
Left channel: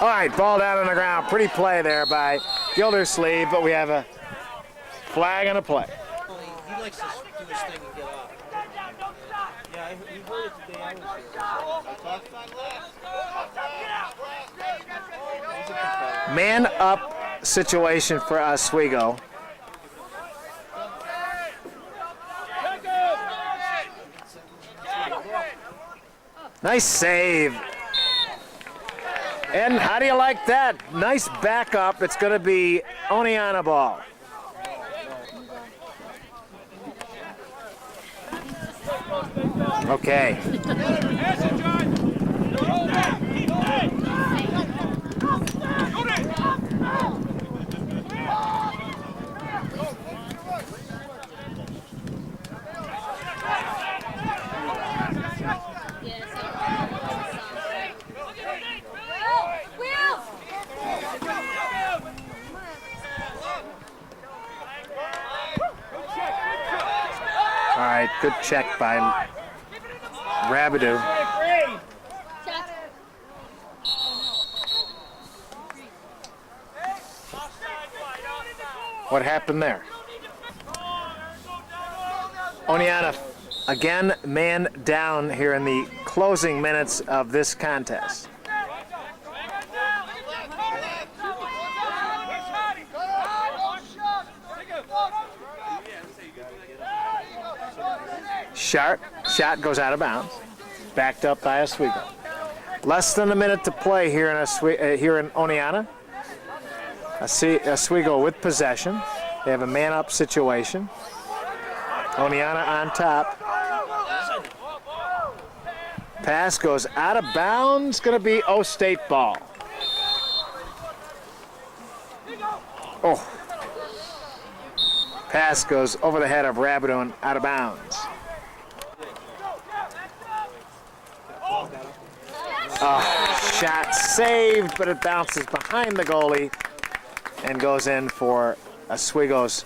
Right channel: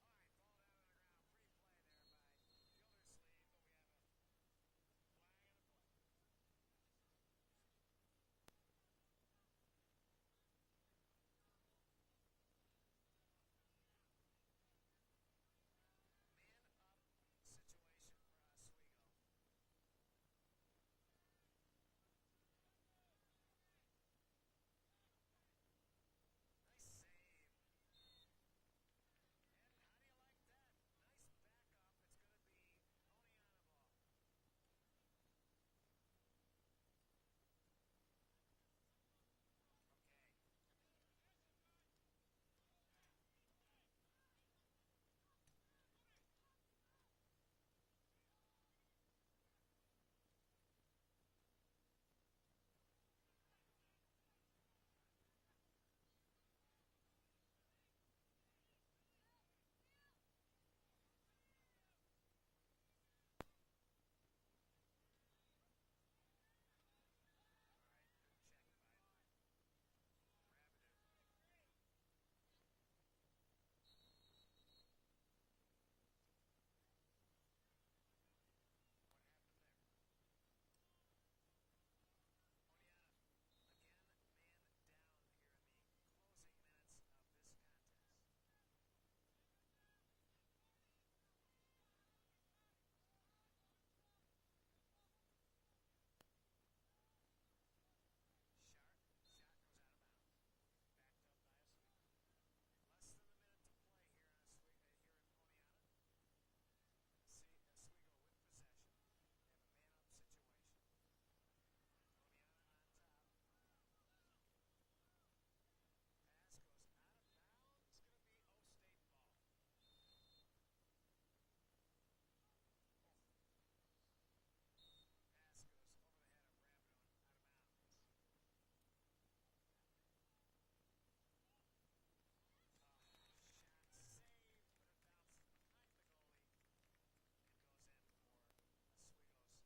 All right, ball down on the ground. Pretty play there by Gildersleeve, but we have a flag and a play. He likes to do his thing and get off. Yeah, he heard it today. I was here. Man up situation for Oswego. Nice save. And how do you like that? Nice backup. It's going to be Oneonta ball. Okay. All right, good check by Rabideau. What happened there? Oneonta again man down here in the closing minutes of this contest. Shot goes out of bounds, backed up by Oswego. Less than a minute to play here in Oneonta. Oswego with possession. They have a man-up situation. Oneonta on top. Pass goes out of bounds. Going to be O-State ball. Oh. Pass goes over the head of Rabideau and out of bounds. Shot saved, but it bounces behind the goalie and goes in for Oswego's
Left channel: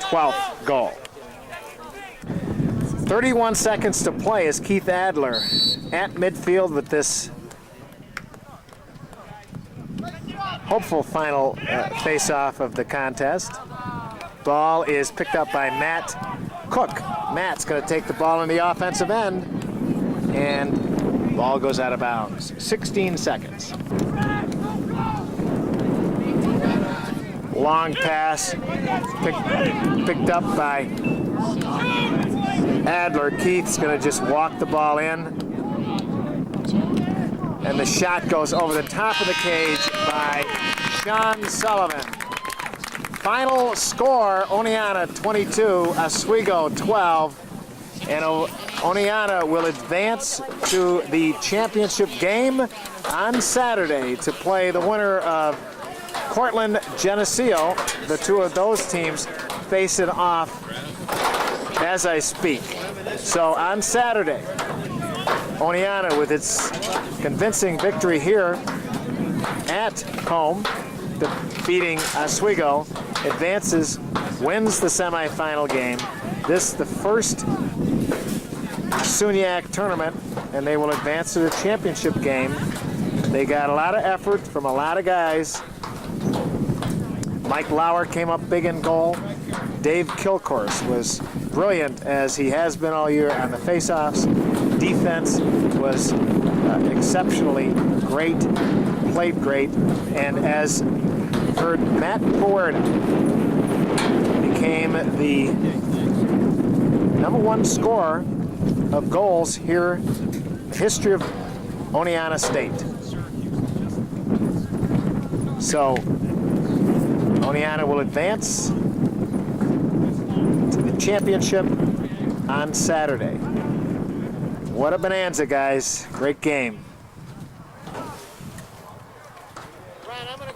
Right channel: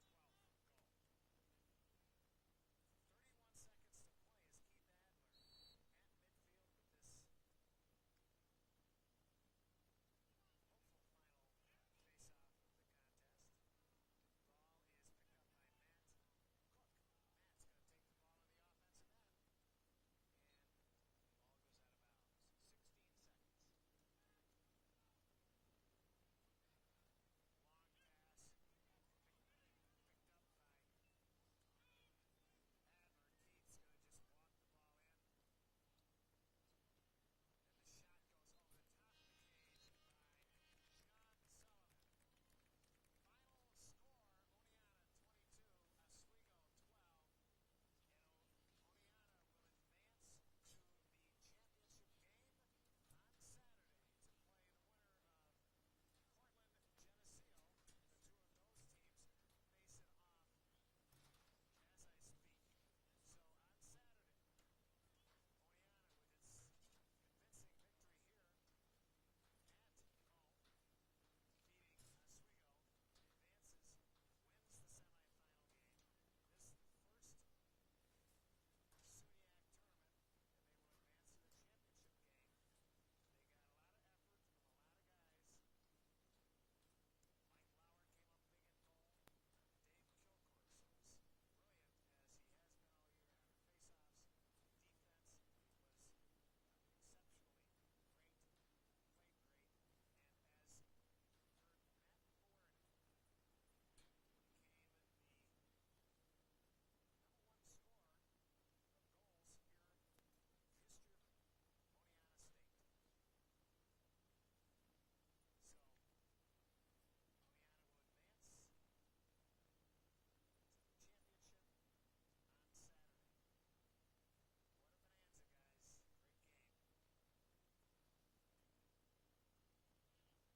12th goal. 31 seconds to play as Keith Adler at midfield with this hopeful final face-off of the contest. Ball is picked up by Matt Cook. Matt's going to take the ball in the offensive end, and ball goes out of bounds. 16 seconds. Long pass picked up by Adler. Keith's going to just walk the ball in, and the shot goes over the top of the cage by Sean Sullivan. Final score, Oneonta 22, Oswego 12, and Oneonta will advance to the championship game on Saturday to play the winner of Cortland Geneseo. The two of those teams face it off as I speak. So on Saturday, Oneonta, with its convincing victory here at home, defeating Oswego, advances, wins the semifinal game. This the first SUNYAC tournament, and they will advance to the championship game. They got a lot of effort from a lot of guys. Mike Lauer came up big in goal. Dave Kilcourse was brilliant, as he has been all year, on the faceoffs. Defense was exceptionally great, played great, and as heard, Matt Ford became the #1 scorer of goals here in the history of Oneonta State. So Oneonta will advance to the championship on Saturday. What a bonanza, guys. Great game. Brian, I'm going to